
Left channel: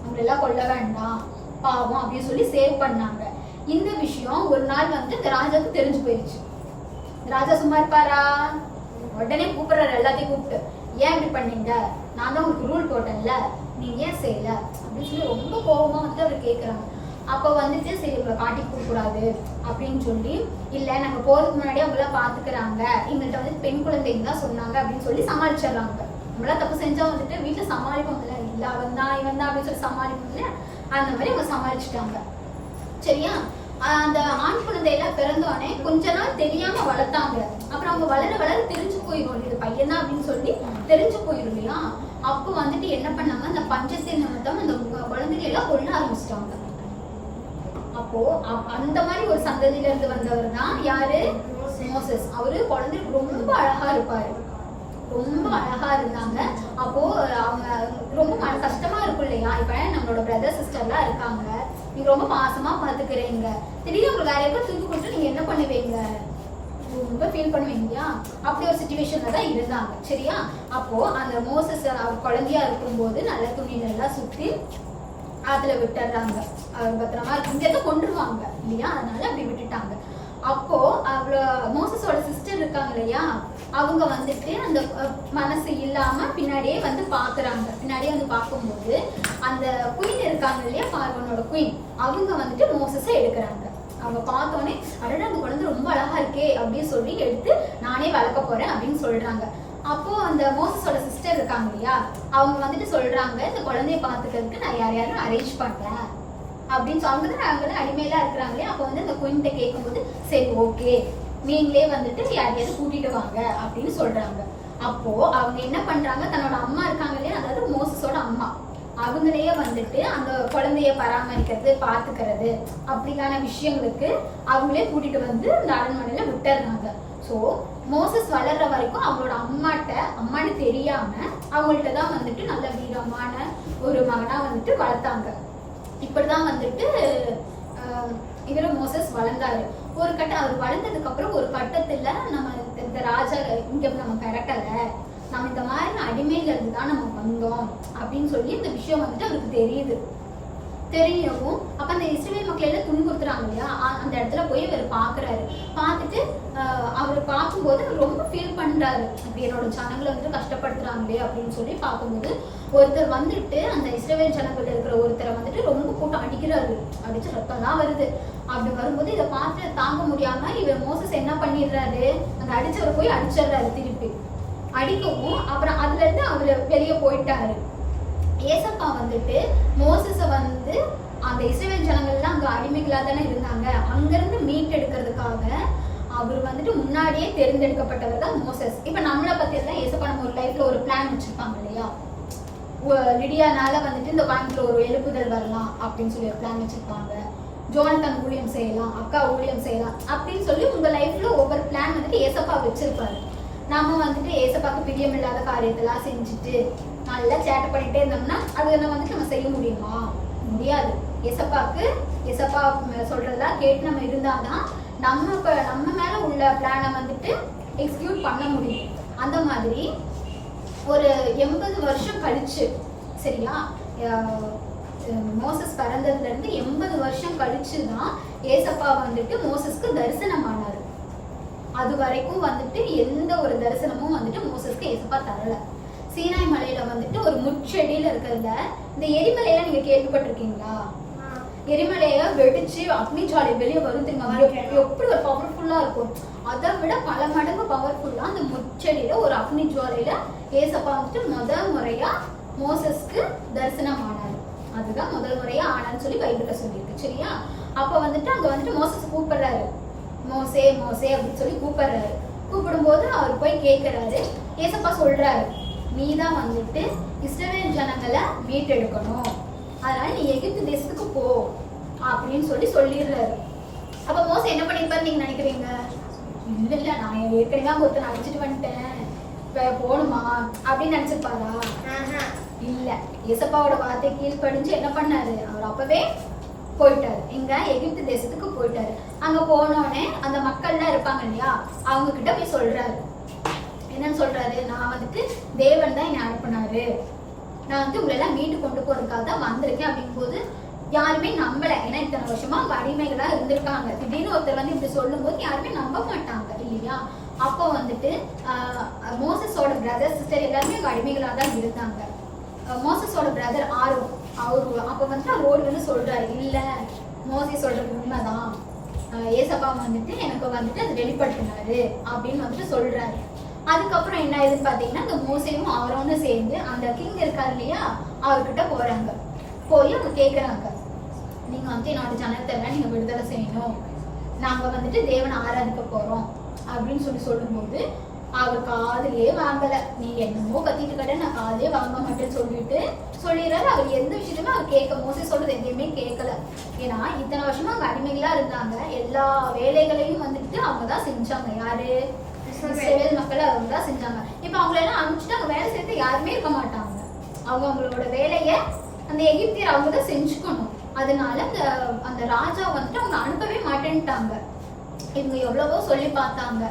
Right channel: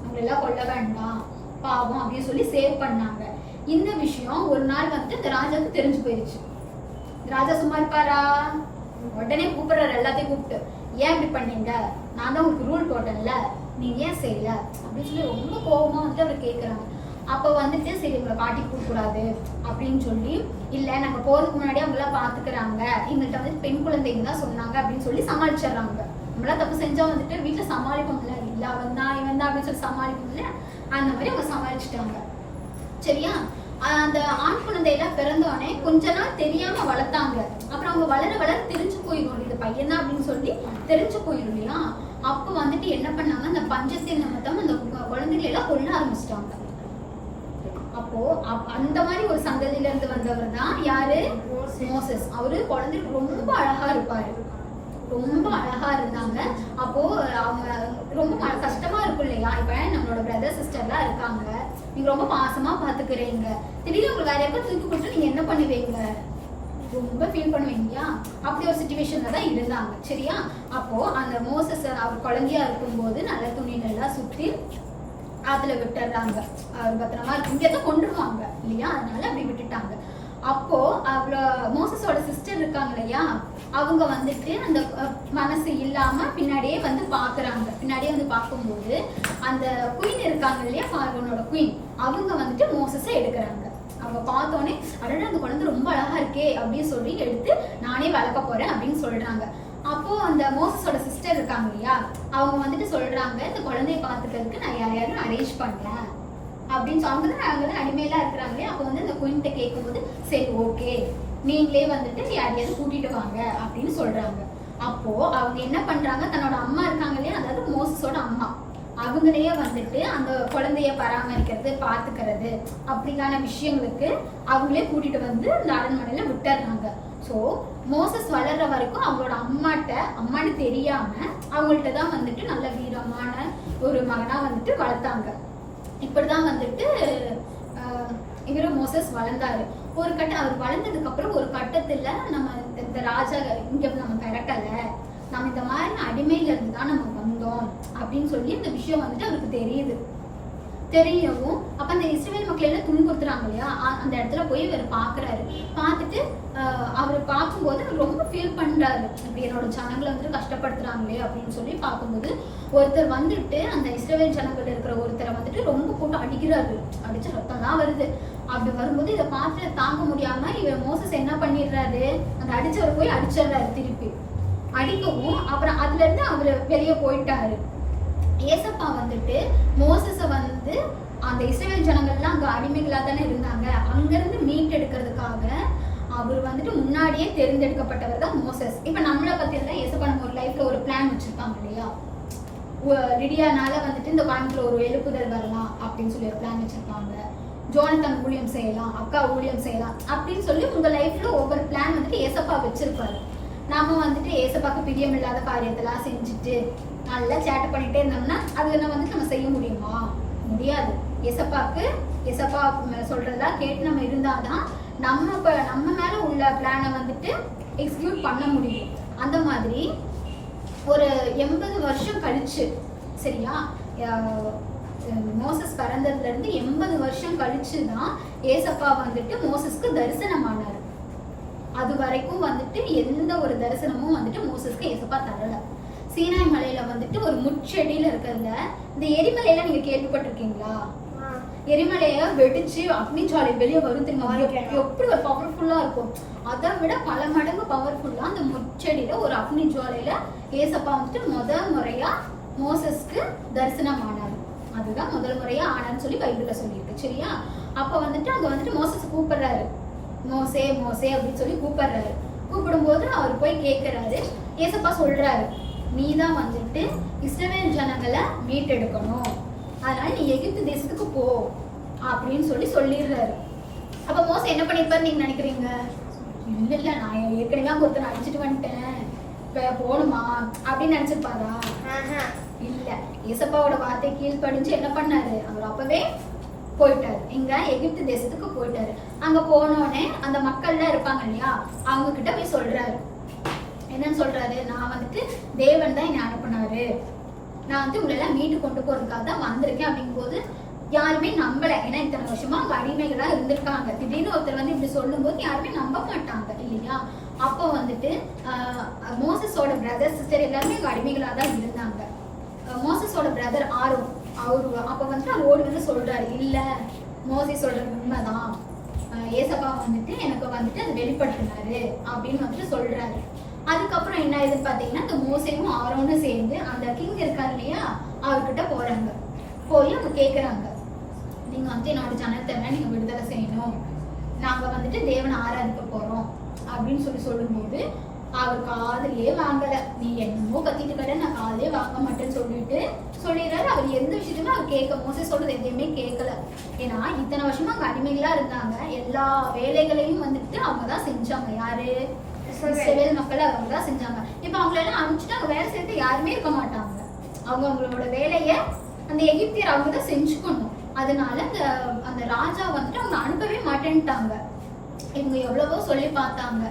அவங்கள எல்லாம் கொல்ல வேண்டாம் பாவம் அப்படின்னு சொல்லி சேவ் பண்ணாங்க. இந்த விஷயம் ஒரு நாள் வந்து இந்த ராஜாவுக்கு தெரிஞ்சு போயிருச்சு. ராஜா சும்மா இருப்பாரா, உடனே கூப்பிடுறாரு எல்லாத்தையும் கூப்பிட்டு, ஏன் இப்படி பண்ணீங்க, நான் தான் உங்களுக்கு ரூல் போட்டேன்ல, நீங்க ஏன் செய்யல அப்படின்னு சொல்லி ரொம்ப கோபமா வந்து அவர் கேட்கறாங்க. அப்ப வந்துட்டு சரி உங்களை காட்டி கொடுக்க கூடாது அப்படின்னு சொல்லி, இல்ல நாங்க போறதுக்கு முன்னாடி அவங்க எல்லாம் பாத்துக்கிறாங்க, எங்கள்கிட்ட வந்து பெண் குழந்தைங்க தான் சொன்னாங்க அப்படின்னு சொல்லி சமாளிச்சிடறாங்க. நம்மளாம் தப்பு செஞ்சா வந்துட்டு வீட்டுல சமாளிப்போம்ல, இல்ல அவன் தான் இவன் தான் அப்படின்னு சொல்லி சமாளிப்போம்ல, அந்த மாதிரி அவங்க சமாளிச்சுட்டாங்க. சரியா, அந்த ஆண் குழந்தையெல்லாம் பிறந்தோடனே கொஞ்ச நாள் தெரியாம வளர்த்தாங்க. அப்புறம் அவங்க வளர வளர தெரிஞ்சு போயிடும், இது பையன் தான் அப்படின்னு சொல்லி தெரிஞ்சு போயிடும் இல்லையா. அப்ப வந்துட்டு என்ன பண்ணாங்க, அந்த பஞ்சத்தின் நிமித்தம் அந்த குழந்தைகளை எல்லாம் கொல்ல ஆரம்பிச்சிட்டாங்க. அப்போ அந்த மாதிரி ஒரு சந்ததியில இருந்து வந்தவர் தான் யாரு, மோசஸ். அவரு குழந்தைக்கு ரொம்ப அழகா இருப்பாரு, ரொம்ப அழகா இருந்தாங்க. அப்போ அவங்க ரொம்ப கஷ்டமா இருக்கும் இல்லையா. இப்ப நம்மளோட பிரதர் சிஸ்டர் எல்லாம் இருக்காங்க, நீங்க ரொம்ப பாசமா பாத்துக்கிறீங்க, திடீர்னு உங்களுக்கு வேற எப்ப தூக்கி கொடுத்து நீங்க என்ன பண்ணுவீங்க, ரொம்ப ஃபீல் பண்ணுவீங்க. அப்படி ஒரு சிச்சுவேஷன்ல தான் இருந்தாங்க. சரியா, அப்போ அந்த மோசஸ் அவர் குழந்தையா இருக்கும்போது நல்ல துணியில எல்லாம் சுத்தி ஆத்துல விட்டுறாங்க, பத்திரமா இங்கதான் கொண்டுருவாங்க இல்லையா, அதனால அப்படி விட்டுட்டாங்க. அப்போ அவ்வளவு மோசஸோட சிஸ்டர் இருக்காங்க இல்லையா, அவங்க வந்துட்டு அந்த மனசு இல்லாம பின்னாடியே வந்து பாக்குறாங்க. பின்னாடியே வந்து பார்க்கும்போது அந்த குயின் இருக்காங்க இல்லையா, பார்வனோட குயின், அவங்க வந்துட்டு மோசஸை எடுக்கிறாங்க. அவங்க பார்த்தோன்னே அடடா அந்த குழந்தை ரொம்ப அழகா இருக்கே அப்படின்னு சொல்லி எடுத்து நானே வளர்க்க போறேன் அப்படின்னு சொல்றாங்க. அப்போ அந்த மோசஸோட சிஸ்டர் இருக்காங்க இல்லையா, அவங்க வந்துட்டு சொல்றாங்க, இந்த குழந்தைய பாத்துக்கிறதுக்கு நான் யாரையாவது அரேஞ்ச் பண்றேன் அப்படின்னு சொல்லும்போது அவங்க அடிமையெல்லாம் இருக்கிறாங்களே. அப்போ வந்து இந்த குயின்கிட்ட கேட்கும்போது சரி ஓகே நீங்களே வந்துட்டு யாரையாவது கூட்டிட்டு வாங்க அப்படின்னு சொல்றாங்க. அப்போ அவங்க என்ன பண்றாங்க, தன்னோட அம்மா இருக்காங்க இல்லையா, அதாவது மோசஸோட அம்மா, அவங்களையே வந்துட்டு அந்த குழந்தைய பராமரிக்கிறது பாத்துக்கிறது அப்படிக்கான விஷயங்களுக்கு அவங்களே கூட்டிட்டு வந்து அந்த அரண்மனையில விட்டுறாங்க. சோ மோசஸ் வளர்ற வரைக்கும் அவங்களோட அம்மான்னு தெரியாம அவங்கள்ட்ட தான் வந்துட்டு நல்ல வீரமான ஒரு மகனா வந்துட்டு வளர்த்தாங்க. இப்படிதான் வந்துட்டு இவரு மோசஸ் வளர்ந்தாரு. ஒரு கட்டம் அவர் வளர்ந்ததுக்கு அப்புறம் ஒரு கட்டத்துல நம்ம இந்த ராஜா இங்க நம்ம பிறக்கல, நம்ம இந்த மாதிரி அடிமையில இருந்து தான் நம்ம வந்தோம் அப்படின்னு சொல்லி இந்த விஷயம் வந்துட்டு அவருக்கு தெரியுது. தெரியவும் அப்ப அந்த இஸ்ரவேல் மக்கள் எல்லாம் துன்புறுத்துறாங்க இல்லையா, அந்த இடத்துல போய் அவர் பாக்குறாரு. பார்த்துட்டு அவர் பார்க்கும்போது ரொம்ப ஃபீல் பண்றாரு, இப்படி என்னோட ஜனங்களை வந்து கஷ்டப்படுத்துறாங்களே அப்படின்னு சொல்லி பார்க்கும்போது ஒருத்தர் வந்துட்டு அந்த இஸ்ரவேல் ஜனங்கள்ல இருக்கிற ஒருத்தரை வந்துட்டு ரொம்ப போட்டு அடிக்கிறாரு. அடிச்சு ரத்தம்லாம் வருது. அப்படி வரும்போது இதை பார்த்து தாங்க முடியாம இவர் மோசஸ் என்ன பண்ணிடுறாரு, அந்த அடிச்சவரை போய் அடிச்சிடுறாரு திருப்பி. அடிக்கவும் அப்புறம் அதுல இருந்து அவரு வெளியே போயிட்டாரு. ஏசப்பா வந்துட்டு மோசஸ வந்து அந்த இஸ்ரவேல் ஜனங்கள்லாம் அங்க அடிமைகளா தானே இருந்தாங்க, அங்கிருந்து மீட்டெடுக்கிறதுக்காக அவர் வந்துட்டு முன்னாடியே தேர்ந்தெடுக்கப்பட்டவர் தான் மோசஸ். இப்ப நம்மளை பத்தி எல்லாம் ஏசப்பா நம்ம ஒரு லைஃப்ல ஒரு பிளான் வச்சிருப்பாங்க இல்லையா, லிடியானால வந்துட்டு இந்த பேங்க்ல ஒரு எழுப்புதல் வரலாம் அப்படின்னு சொல்லி ஒரு பிளான் வச்சிருப்பாங்க. ஜோனத்தன் ஊழியம் செய்யலாம், அக்கா ஊழியம் செய்யலாம் அப்படின்னு சொல்லி உங்க லைஃப்ல ஒவ்வொரு பிளான் வந்துட்டு ஏசப்பா வச்சிருப்பாரு. நம்ம வந்துட்டு ஏசப்பாக்கு பிரியமில்லாத காரியத்தெல்லாம் செஞ்சுட்டு நல்லா சேட்டை பண்ணிட்டே இருந்தோம்னா அது வந்துட்டு நம்ம செய்ய முடியுமா? முடியாது. ஏசப்பா சொல்றதா கேட்டு நம்ம இருந்தாதான் நம்ம மேல உள்ள பிளானை வந்துட்டு எக்ஸிக்யூட் பண்ண முடியும். அந்த மாதிரி ஒரு 80 வருஷம் கழிச்சு, சரியா, மோசஸ் பிறந்ததுல இருந்து 80 வருஷம் கழிச்சுதான் ஏசப்பா வந்துட்டு மோசஸ்க்கு தரிசனம் ஆனாரு. அது வரைக்கும் வந்துட்டு எந்த ஒரு தரிசனமும் வந்துட்டு மோசஸ்க்கு ஏசப்பா தரல. சீனாய் மலையில வந்துட்டு ஒரு முச்செடியில இருக்கிறதுல இந்த எரிமலையெல்லாம் நீங்க கேள்விப்பட்டிருக்கீங்களா? எரிமலைய வெடிச்சு அக்னி ஜாலை வெளியே வரும் தெரியுமா? எப்படி ஒரு பவர்ஃபுல்லா இருக்கும். அதை விட பல மடங்கு பவர்ஃபுல்லா அந்த முச்செடியில ஒரு அக்னி ஜுவாலையில ஏசப்பா வந்துட்டு முதல் முறையா மோசஸ்க்கு தரிசனம் ஆனாரு. அதுதான் முதல் முறையா ஆனான்னு சொல்லி பைபிள்ல சொல்லியிருக்கு, சரியா? அப்ப வந்துட்டு அங்க வந்துட்டு மோசஸ் கூப்பிடுறாரு, மோசே மோசே அப்படின்னு சொல்லி கூப்பிடுறாரு. கூப்பிடும்போது அவர் போய் கேட்கிறாரு. ஏசப்பா சொல்றாரு, நீதான் வந்துட்டு இஸ்ரவேல் ஜனங்களை மீட்டெடுக்கணும், அதனால நீ எகிப்து தேசத்துக்கு போ அப்படின்னு சொல்லிடுறாரு. அப்ப மோசே என்ன பண்ணிருப்பாரு நீங்க நினைக்கிறீங்க? இல்ல நான் ஏற்கனவே அங்க ஒருத்தனை அடிச்சுட்டு வந்துட்டேன், இப்ப போகணுமா அப்படின்னு நினைச்சிருப்பாரா? இல்ல. ஏசப்பாவோட வார்த்தை கீழ்ப்படிஞ்சு என்ன பண்ணாரு, அவர் அப்பவே போயிட்டாரு. எங்க எகிப்து தேசத்துக்கு போயிட்டாரு. அங்க போனோடனே அந்த மக்கள்லாம் இருப்பாங்க இல்லையா, அவங்க கிட்ட போய் சொல்றாரு. என்னன்னு சொல்றாரு, நான் வந்துட்டு தேவன் தான் என்னை அனுப்பினாரு, நான் வந்து உங்களை எல்லாம் மீட்டு கொண்டு போறதுக்காக தான் வந்திருக்கேன் அப்படிங்கும் போது யாருமே நம்பல. ஏன்னா இத்தனை வருஷமா அவங்க அடிமைகளா இருந்திருக்காங்க. திடீர்னு ஒருத்தர் வந்து இப்படி சொல்லும் போது யாருமே நம்ப மாட்டாங்க இல்லையா? அப்போ வந்துட்டு மோசஸோட பிரதர் சிஸ்டர் எல்லாருமே அங்க அடிமைகளா தான் இருந்தாங்க. மோசஸோட பிரதர் ஆரோன் அவரு அப்ப வந்துட்டு அவர் வந்து சொல்றாரு, இல்ல மோசே சொல்றது உண்மைதான், ஏசப்பா வந்துட்டு எனக்கு வந்துட்டு அது வெளிப்படுத்தினாரு அப்படின்னு வந்துட்டு சொல்றாரு. அதுக்கப்புறம் என்ன ஆயிடுன்னு பாத்தீங்கன்னா, இந்த மோசேவும் ஆரோனும் சேர்ந்து அந்த கிங் இருக்காரு இல்லையா, அவர்கிட்ட போறாங்க. போய் அவங்க கேக்குறாங்க, நீங்க வந்து என்னோட ஜனத்தை எல்லாம் நீங்க விடுதலை செய்யணும், நாங்க வந்துட்டு தேவனை ஆராதிக்க போறோம் அப்படின்னு சொல்லும்போது அவர் காதலியே வாங்கல. நீ என்னமோ கத்திட்டு கடை, நான் காதலே வாங்க மாட்டேன்னு சொல்லிடுறாரு. அவர் எந்த விஷயத்துமே அவர் கேட்க, மோசே சொல்றது எதையுமே கேட்கல. ஏன்னா இத்தனை வருஷமா அவங்க அடிமைகளா இருந்தாங்க, எல்லா வேலைகளையும் வந்துட்டு அவங்கதான் செஞ்சாங்க. யாரு? இஸ்ரவேல் மக்கள் அவங்க தான் செஞ்சாங்க. இப்ப அவங்களெல்லாம் அனுப்பிச்சுட்டு அங்க வேலை செய்யறது யாருமே இருக்க மாட்டாங்க. அவங்களோட வேலைய அந்த எகிப்தியர் அவங்க தான் செஞ்சுக்கணும். அதனால அந்த ராஜா வந்துட்டு அவங்க அனுப்பவே மாட்டேன்ட்டாங்க. இவங்க எவ்வளவோ சொல்லி பார்த்தாங்க.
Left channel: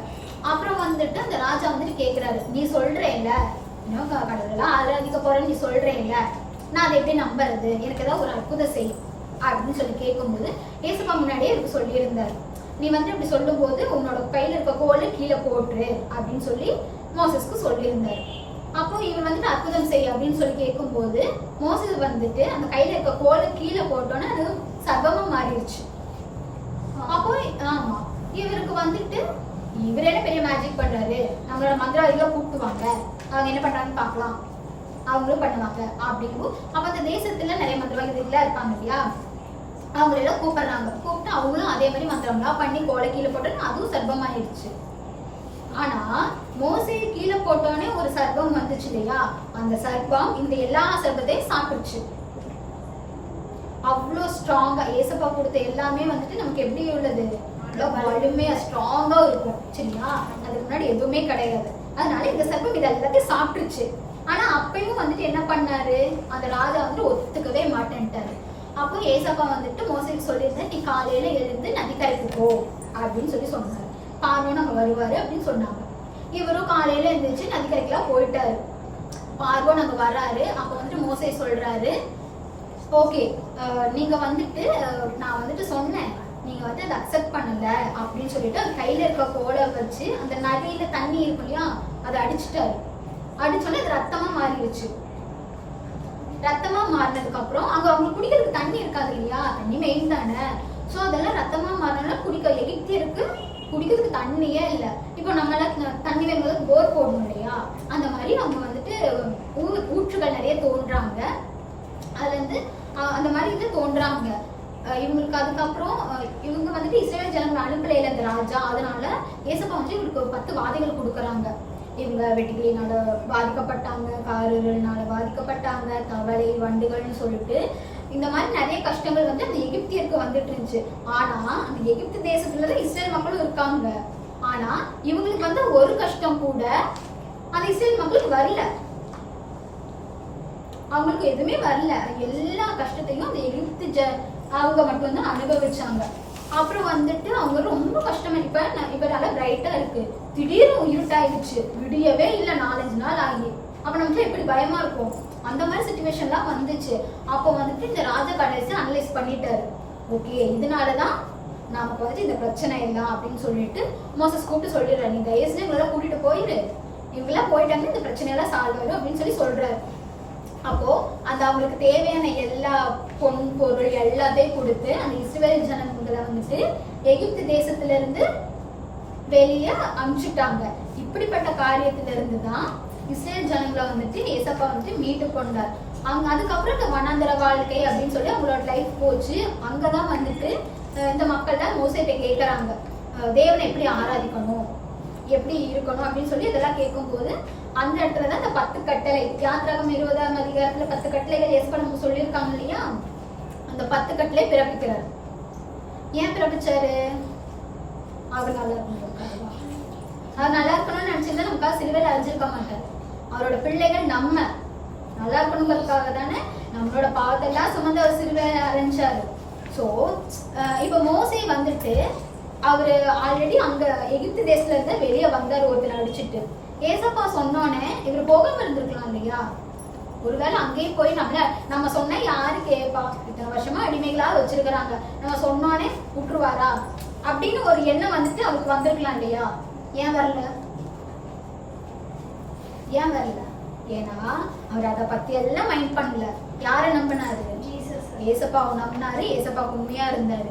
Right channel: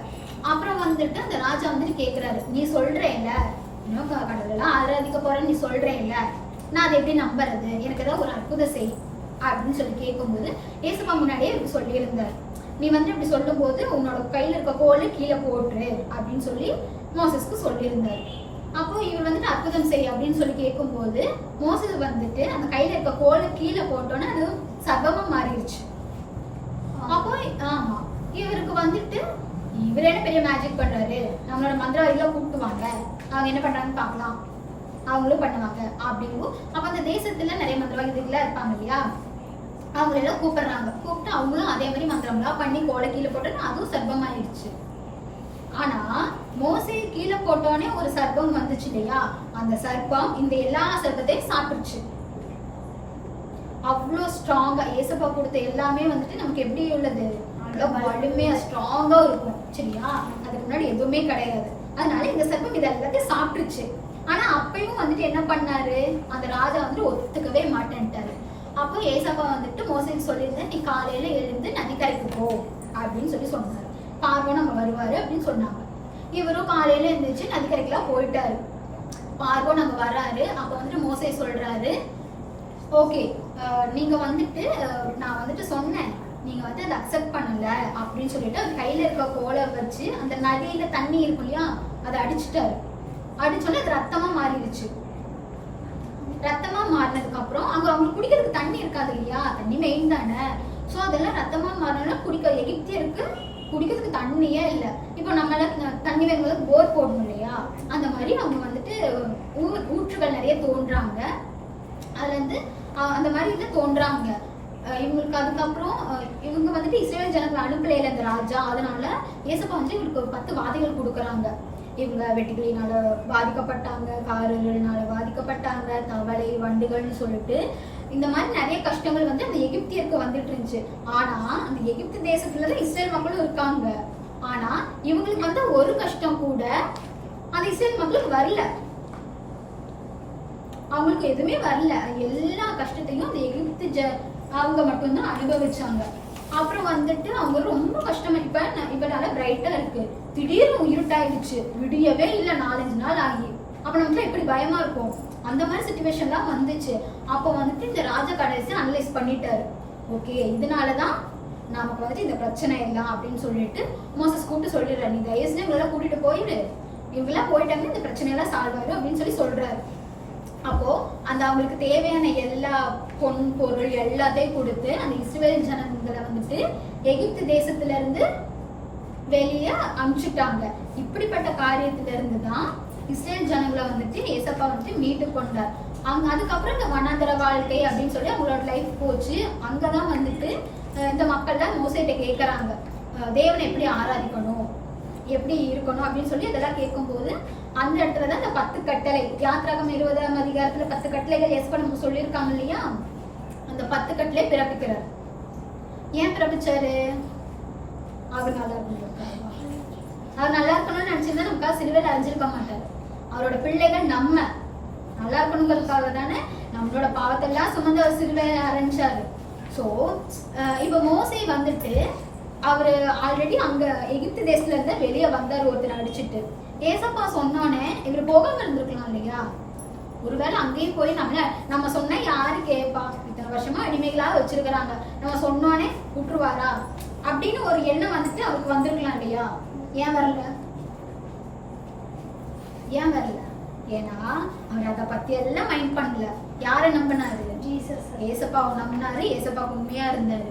அப்புறம் வந்துட்டு அந்த ராஜா வந்துட்டு கேக்குறாரு, நீ சொல்றேன்ல இன்னும் கடவுளெல்லாம் ஆராதிக்க போறேன்னு நீ சொல்றேன்ல, நான் அதை எப்படி நம்புறது, எனக்கு ஏதாவது ஒரு அற்புதம் செய் அப்படின்னு சொல்லி கேட்கும்போது ஏசப்பா முன்னாடியே இவருக்கு சொல்லியிருந்தாரு, நீ வந்து இப்படி சொல்லும் போது உன்னோட கையில இருக்க கோலை கீழே போட்டுரு அப்படின்னு சொல்லி மோசஸ்க்கு சொல்லியிருந்தாரு. அப்போ இவர் வந்துட்டு அற்புதம் செய் அப்படின்னு சொல்லி கேட்கும் போது மோசஸ் வந்துட்டு அந்த கையில இருக்க கோலை கீழே போட்டோன்னா அது சர்வமா மாறிடுச்சு. அப்போ ஆமா, இவருக்கு வந்துட்டு இவர் என்ன பெரிய மேஜிக் பண்றாரு, நம்மளோட மந்திரவாதிகளை கூப்பிட்டுவாங்க, அவங்க என்ன பண்றாங்கன்னு பாக்கலாம், அவங்களும் பண்ணுவாங்க அப்படிங்கும். அப்ப அந்த தேசத்துல நிறைய மந்திரவாதிகளா இருப்பாங்க இல்லையா, அவங்களெல்லாம் கூப்பிடுறாங்க. கூப்பிட்டு அவங்களும் அதே மாதிரி மந்திரம்லாம் பண்ணி கோலை கீழே போட்டோன்னு அதுவும் சர்ப்பமாயிடுச்சு. ஆனா மோசே கீழே போட்டோன்னே ஒரு சர்ப்பம் வந்துச்சு இல்லையா, அந்த சர்ப்பம் இந்த எல்லா சர்ப்பத்தையும் சாப்பிடுச்சு. அவ்வளோ ஸ்ட்ராங்கா ஏசப்பா கொடுத்த எல்லாமே வந்துட்டு நமக்கு எப்படி உள்ளது, வலிமையா ஸ்ட்ராங்கா இருக்கும், சரியா? அதுக்கு முன்னாடி எதுவுமே கிடையாது. அதனால இந்த சர்ப்பம் இது எல்லாத்தையும் சாப்பிட்டுருச்சு. ஆனா அப்பயும் வந்துட்டு என்ன பண்ணாரு, அந்த ராஜா வந்துட்டு ஒத்துக்கவே மாட்டேன்ட்டாரு. அப்போ ஏசப்பா வந்துட்டு மோசேக்கு சொல்லியிருந்தேன், நீ காலையில எழுந்து நதிக்கரைக்கு போ அப்படின்னு சொன்னாரு. பார்வோன் அங்க வருவாரு அப்படின்னு சொன்னாங்க. இவரும் காலையில எழுந்துச்சு நதிக்கரைக்கெல்லாம் போயிட்டாரு. பார்வோன் அங்க வராரு. அப்ப வந்துட்டு மோசே சொல்றாரு, ஓகே நீங்க வந்துட்டு நான் வந்துட்டு சொன்னேன், நீங்க வந்து அதை அக்செப்ட் பண்ணல அப்படின்னு சொல்லிட்டு அது கையில இருக்க கோலை வச்சு அந்த நதியில தண்ணி இருக்கும் இல்லையா அதை அடிச்சுட்டாரு. அடிச்சோன்னே அது ரத்தமா மாறிடுச்சு. ரத்தமா மாறினதுக்கு அப்புறம் அங்க அவங்களுக்கு குடிக்கிறதுக்கு தண்ணி இருக்காது இல்லையா, தண்ணி மெயின் தானே. சோ அதெல்லாம் ரத்தமா மாறினா குடிக்க எகிப்தியருக்கு குடிக்கிறதுக்கு தண்ணியே இல்லை. இப்போ நம்மள தண்ணி வேணும்போது போர் போடணும் இல்லையா, அந்த மாதிரி அவங்க வந்துட்டு ஊற்றுகள் நிறைய தோன்றாங்க. அதுல இருந்து அந்த மாதிரி இது தோன்றாங்க இவங்களுக்கு. அதுக்கப்புறம் இவங்க வந்துட்டு இஸ்ரேல் ஜனங்களை அனுப்பலையில இந்த ராஜா, அதனால ஏசப்பா வந்து இவங்களுக்கு ஒரு 10 வாதைகள் கொடுக்குறாங்க. இவங்க வெட்டுக்கிளினால பாதிக்கப்பட்டாங்க, காரர்கள்னால பாதிக்கப்பட்டாங்க, தவளை வண்டுகள்னு சொல்லிட்டு இந்த மாதிரி நிறைய கஷ்டங்கள் வந்து அந்த எகிப்தியருக்கு வந்துட்டு இருந்துச்சு. ஆனா அந்த எகிப்து தேசத்துலதான் இஸ்ரேல் மக்களும் இருக்காங்க. ஆனா இவங்களுக்கு வந்து ஒரு கஷ்டம் கூட அந்த இஸ்ரேல் மக்களுக்கு வரல. அவங்களுக்கு எதுவுமே வரல. எல்லா கஷ்டத்தையும் அந்த எகிப்து அவங்க மட்டும்தான் அனுபவிச்சாங்க. அப்புறம் வந்துட்டு அவங்க ரொம்ப கஷ்டமா இப்ப நல்லா பிரைட்டா இருக்கு, திடீர்னு இருட்டாயிடுச்சு, விடியவே இல்லை 4-5 நாள் ஆகி. அப்ப நமக்கு எப்படி பயமா இருக்கும். அந்த மாதிரி சிச்சுவேஷன்லாம் வந்துச்சு. அப்போ வந்துட்டு இந்த ராஜா கடைசி அனலைஸ் பண்ணிட்டாரு, ஓகே இதனாலதான் நமக்கு வந்துட்டு இந்த பிரச்சனை இல்லை அப்படின்னு சொல்லிட்டு மோசஸ் கூப்பிட்டு சொல்லிடுறாரு, நீ தயவு செஞ்சு இவங்களெல்லாம் கூட்டிட்டு போயிரு, இவங்கெல்லாம் போயிட்டாங்கன்னா இந்த பிரச்சனையெல்லாம் சால்வ் ஆயிடும் அப்படின்னு சொல்றாரு. அப்போ அந்த அவங்களுக்கு தேவையான எல்லா பொன் பொருள் எல்லாத்தையும் கொடுத்து அந்த இஸ்ரேல் ஜனங்களை வந்துட்டு எகிப்து தேசத்துல இருந்து வெளியே அனுப்பிச்சுட்டாங்க. இப்படிப்பட்ட காரியத்துல இருந்துதான் இஸ்ரேல் ஜனங்களை வந்துட்டு ஏசப்பா வந்துட்டு மீட்டு கொண்டார். அவங்க அதுக்கப்புறம் இந்த வனாந்தர வாழ்க்கை அப்படின்னு சொல்லி அவங்களோட லைஃப் போச்சு. அங்கதான் வந்துட்டு இந்த மக்கள்லாம் மோசேட்ட கேட்கறாங்க, தேவனை எப்படி ஆராதிக்கணும், எப்படி இருக்கணும் அப்படின்னு சொல்லி இதெல்லாம் கேட்கும் போது அந்த இடத்துலதான் இந்த 10 கட்டளை, யாத்ராகம் 20ஆம் அதிகாரத்துல 10 கட்டளைகள் ஏசப்பா நமக்கு சொல்லியிருக்காங்க இல்லையா, அந்த 10 கட்டளை பிறப்பிக்கிறார். ஏன் பிறப்பிச்சாரு? அவர் நல்லா இருக்கணும். அவர் நல்லா இருக்கணும்னு நினைச்சிருந்தா நமக்காக சிலுவையில அழிஞ்சிருக்க மாட்டாரு. அவரோட பிள்ளைகள் நம்ம நல்லா இருக்கணுங்கிறதுக்காக தானே நம்மளோட பாவத்தெல்லாம் சுமந்து அவர் சிலுவையில அரைஞ்சாரு. சோ இப்ப மோசே வந்துட்டு அவரு ஆல்ரெடி அங்க எகிப்து தேசத்துல இருந்து வெளியே வந்தாரு ஒருத்தர் அடிச்சுட்டு. ஏசப்பா சொன்னோன்னே இவரு போகாம இருந்திருக்கலாம் இல்லையா, ஒருவேளை அங்கேயும் போய் நம்ம சொன்னா யாரு கேட்பா, இத்தனை வருஷமா அடிமைகளா வச்சிருக்கிறாங்க, நம்ம சொன்னோன்னே விட்டுருவாரா அப்படின்னு ஒரு எண்ணம் வந்துட்டு அவருக்கு வந்திருக்கலாம் இல்லையா. ஏன் வரல? ஏன் வரல? ஏன்னா அவர் அதை பத்தி எல்லாம் மைண்ட் பண்ணல. யாரை நம்பினாரு? ஜீசஸ். ஏசப்பாவை நம்பினாரு. ஏசப்பாவுக்கு உண்மையா இருந்தாரு.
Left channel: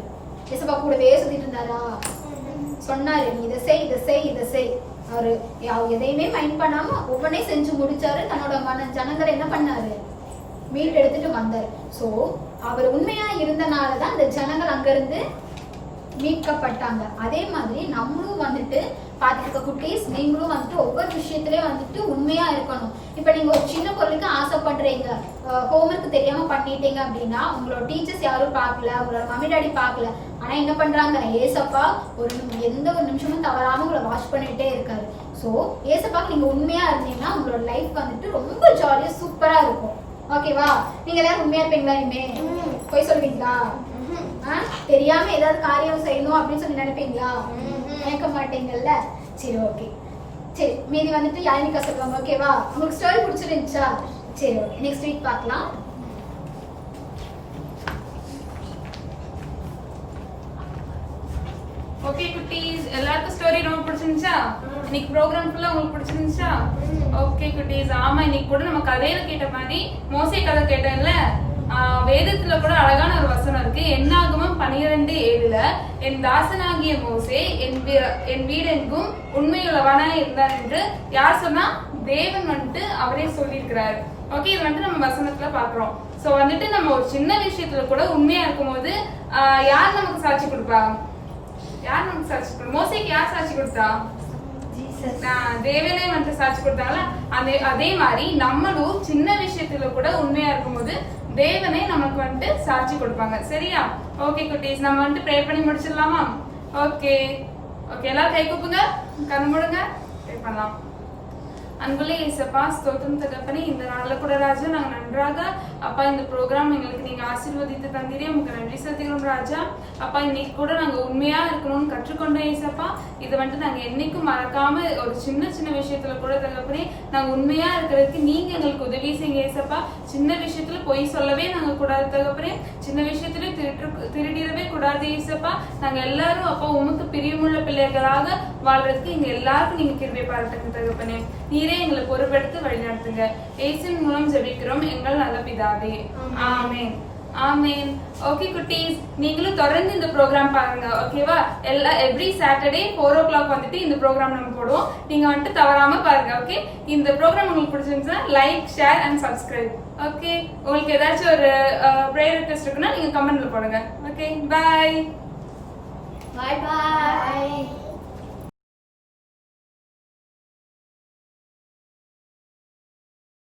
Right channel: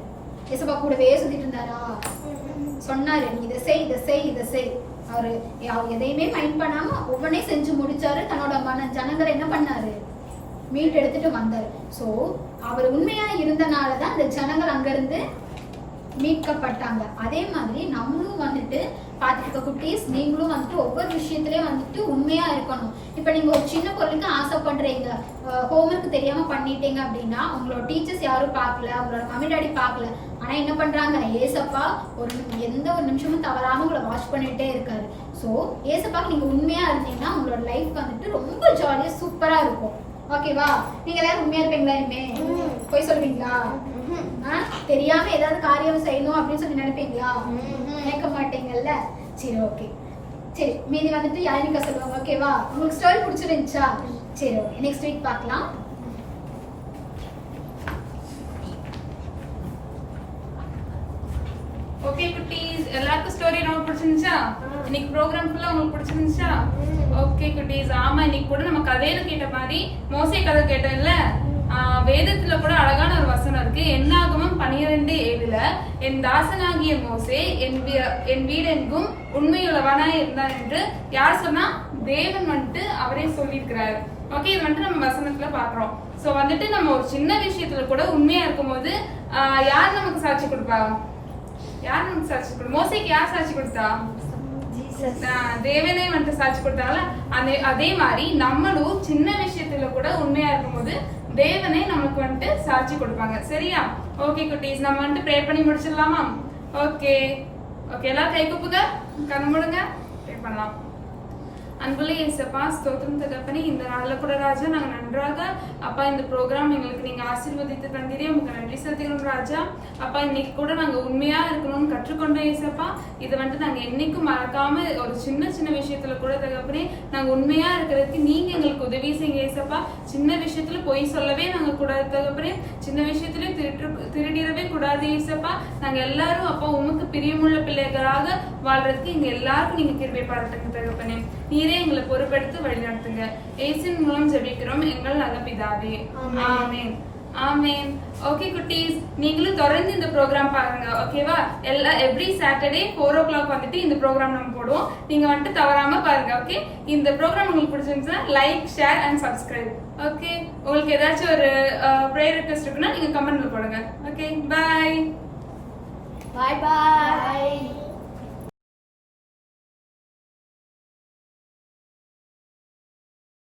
ஏசப்பா கூடவே சுத்திட்டு இருந்தாரா? சொன்னாரு, நீ இதை செய் இதை செய் இதை செய். அவரு எதையுமே மைண்ட் பண்ணாம ஒவ்வொன்னே செஞ்சு முடிச்சாரு. தன்னோட ஜனங்களை என்ன பண்ணாரு? மீட் எடுத்துட்டு வந்தாரு. சோ அவர் உண்மையா இருந்தனாலதான் அந்த ஜனங்கள் அங்க இருந்து மீட்கப்பட்டாங்க. அதே மாதிரி நம்மளும் வந்துட்டு பாத்துக்க குட்டீஸ், நீங்களும் வந்துட்டு ஒவ்வொரு விஷயத்திலயும் வந்துட்டு உண்மையா இருக்கணும். இப்ப நீங்க ஒரு சின்ன பொருளுக்கு ஆசைப்படுறீங்க, ஹோம்ஒர்க் தெரியாம பண்ணிட்டீங்க அப்படின்னா உங்களோட டீச்சர்ஸ் யாரும் பார்க்கல, உங்களோட மம்மி டாடி பார்க்கல, ஆனா என்ன பண்றாங்க? ஏசப்பா எந்த ஒரு நிமிஷமும் தவறாம உங்களை வாட்ச் பண்ணிட்டே இருக்காரு. சோ ஏசப்பாக்கு நீங்க உண்மையா இருந்தீங்கன்னா உங்களோட லைஃப் வந்துட்டு ரொம்ப ஜாலியா சூப்பரா இருக்கும். ஓகேவா? நீங்க எல்லாரும் உண்மையா இருப்பீங்களா? இனிமே போய் சொல்வீங்களா? தெரியாம ஏதாவது காரியம் செய்யணும் அப்படின்னு சொல்லி நினைப்பீங்களா? நினைக்க மாட்டீங்கல்ல. சரி ஓகே. சரி மீதி வந்துட்டு யாழினிக்கா சொல்லுவாங்க. ஓகேவா? உங்களுக்கு ஸ்டோரி பிடிச்சிருந்துச்சா? சரி ஓகே, நெக்ஸ்ட் வீக் பார்க்கலாம். ஓகே குட்டீஸ், எல்லாருக்கும் ஸ்டோரி ரொம்ப பிடிச்சிருந்துச்சா? இன்னைக்கு ப்ரோக்ராம் ஃபுல்லா உங்களுக்கு பிடிச்சிருந்துச்சா? ஓகே குட்டீஸ், ஆமா இன்னைக்கு கூட நம்ம கதையில கேட்ட மாதிரி மோசே கதை கேட்டேன்ல, வேதத்துல கூட அழகான ஒரு வசனம் இருக்கு. என்னாகமம் 12:7 என் தாசனாகிய மோசே என் வீடெங்கும் உண்மையுள்ளவனாய் இருந்தான் என்று யார் சொன்னா? தேவன் வந்துட்டு அவரே சொல்லியிருக்கிறாரு. ஓகே, இது வந்துட்டு நம்ம வசனத்துல பாக்குறோம். சோ வந்துட்டு நம்ம ஒரு சின்ன விஷயத்துல கூட உண்மையா இருக்கும் போது யார் நமக்கு சாட்சி கொடுப்பா? யார் நமக்கு சாட்சி கொடுப்பா? மோசேக்கு யார் சாட்சி கொடுத்தா? தேவனே வந்துட்டு சாட்சி கொடுத்தாங்களா? அதே மாதிரி நம்மளும் சின்ன விஷயத்துல கூட உண்மையா இருக்கும் போது தேவனே நமக்கு வந்துட்டு சாட்சி கொடுப்பாங்க. சரியா? ஓகே குட்டீஸ், நம்ம வந்துட்டு ப்ரே பண்ணி முடிச்சிடலாமா? ஓகே ஓகே, எல்லாம் கை கூப்புங்க, கண்ணு மூடுங்க, ப்ரே பண்ணலாம். அன்புள்ள இயேசப்பா, ஸ்தோத்திரம் தகப்பனே. இந்த நாள்ல கூட ராஜா நாங்க நன்றாக அப்பா இந்த ப்ரோக்ராம் எங்களுக்கு நீங்க ஆசீர்வதித்து தந்தீரே, உங்களுக்கு நன்றி செலுத்துகிறோம் ராஜா. அப்பா இன்னைக்கு கூட நாங்க உண்மையா இருக்கணும்னு கற்றுக்கொண்டோம் இயேசப்பா. இதை வந்துட்டு நாங்க என்னைக்கும் மறக்காம ஒரு சின்ன சின்ன விஷயத்துல கூட தகப்பனே நாங்க உண்மையா இருக்கிறதுக்கு நீங்க எங்களுக்கு உதவி செய்யுங்க இயேசப்பா. சின்ன விஷயத்துல பொய் சொல்லவே நாங்க கூடாது தகப்பனே, சின்ன விஷயத்துல திருடிடவே கூடாது இயேசப்பா. நாங்க எல்லாரும் அப்பா உமக்கு பிரியமுள்ள பிள்ளைகளாக வாழ்றதுக்கு எங்க எல்லாருக்கும் நீங்க கிருபை பாராட்டுங்க தகப்பனே. நீரே எங்களை பொறுப்பெடுத்து வழிநடத்துங்க. இயேசுவின் மூலம் ஜெபிக்கிறோம் எங்கள் நல்ல பிதாவே. ஆமென் ஆமென். ஓகே குட்டீஸ், நீங்களும் தொடர்ந்து இந்த ப்ரோக்ராம் பாருங்க ஓகேவா. எவ்ரி சாட்டர்டே 4 o'clock வந்துட்டு இந்த ப்ரோக்ராம் நம்ம போடுவோம். நீங்க வந்துட்டு தவறாம பாருங்க ஓகே. இந்த ப்ரோக்ராம் உங்களுக்கு பிடிச்சிருந்துச்சுன்னா like, share and subscribe okay. உங்களுக்கு ஏதாச்சும் ஒரு ப்ரேயர் ரிக்வெஸ்ட் இருக்குன்னா நீங்க கமெண்ட்ல போடுங்க ஓகே. பை பாய் பாய்.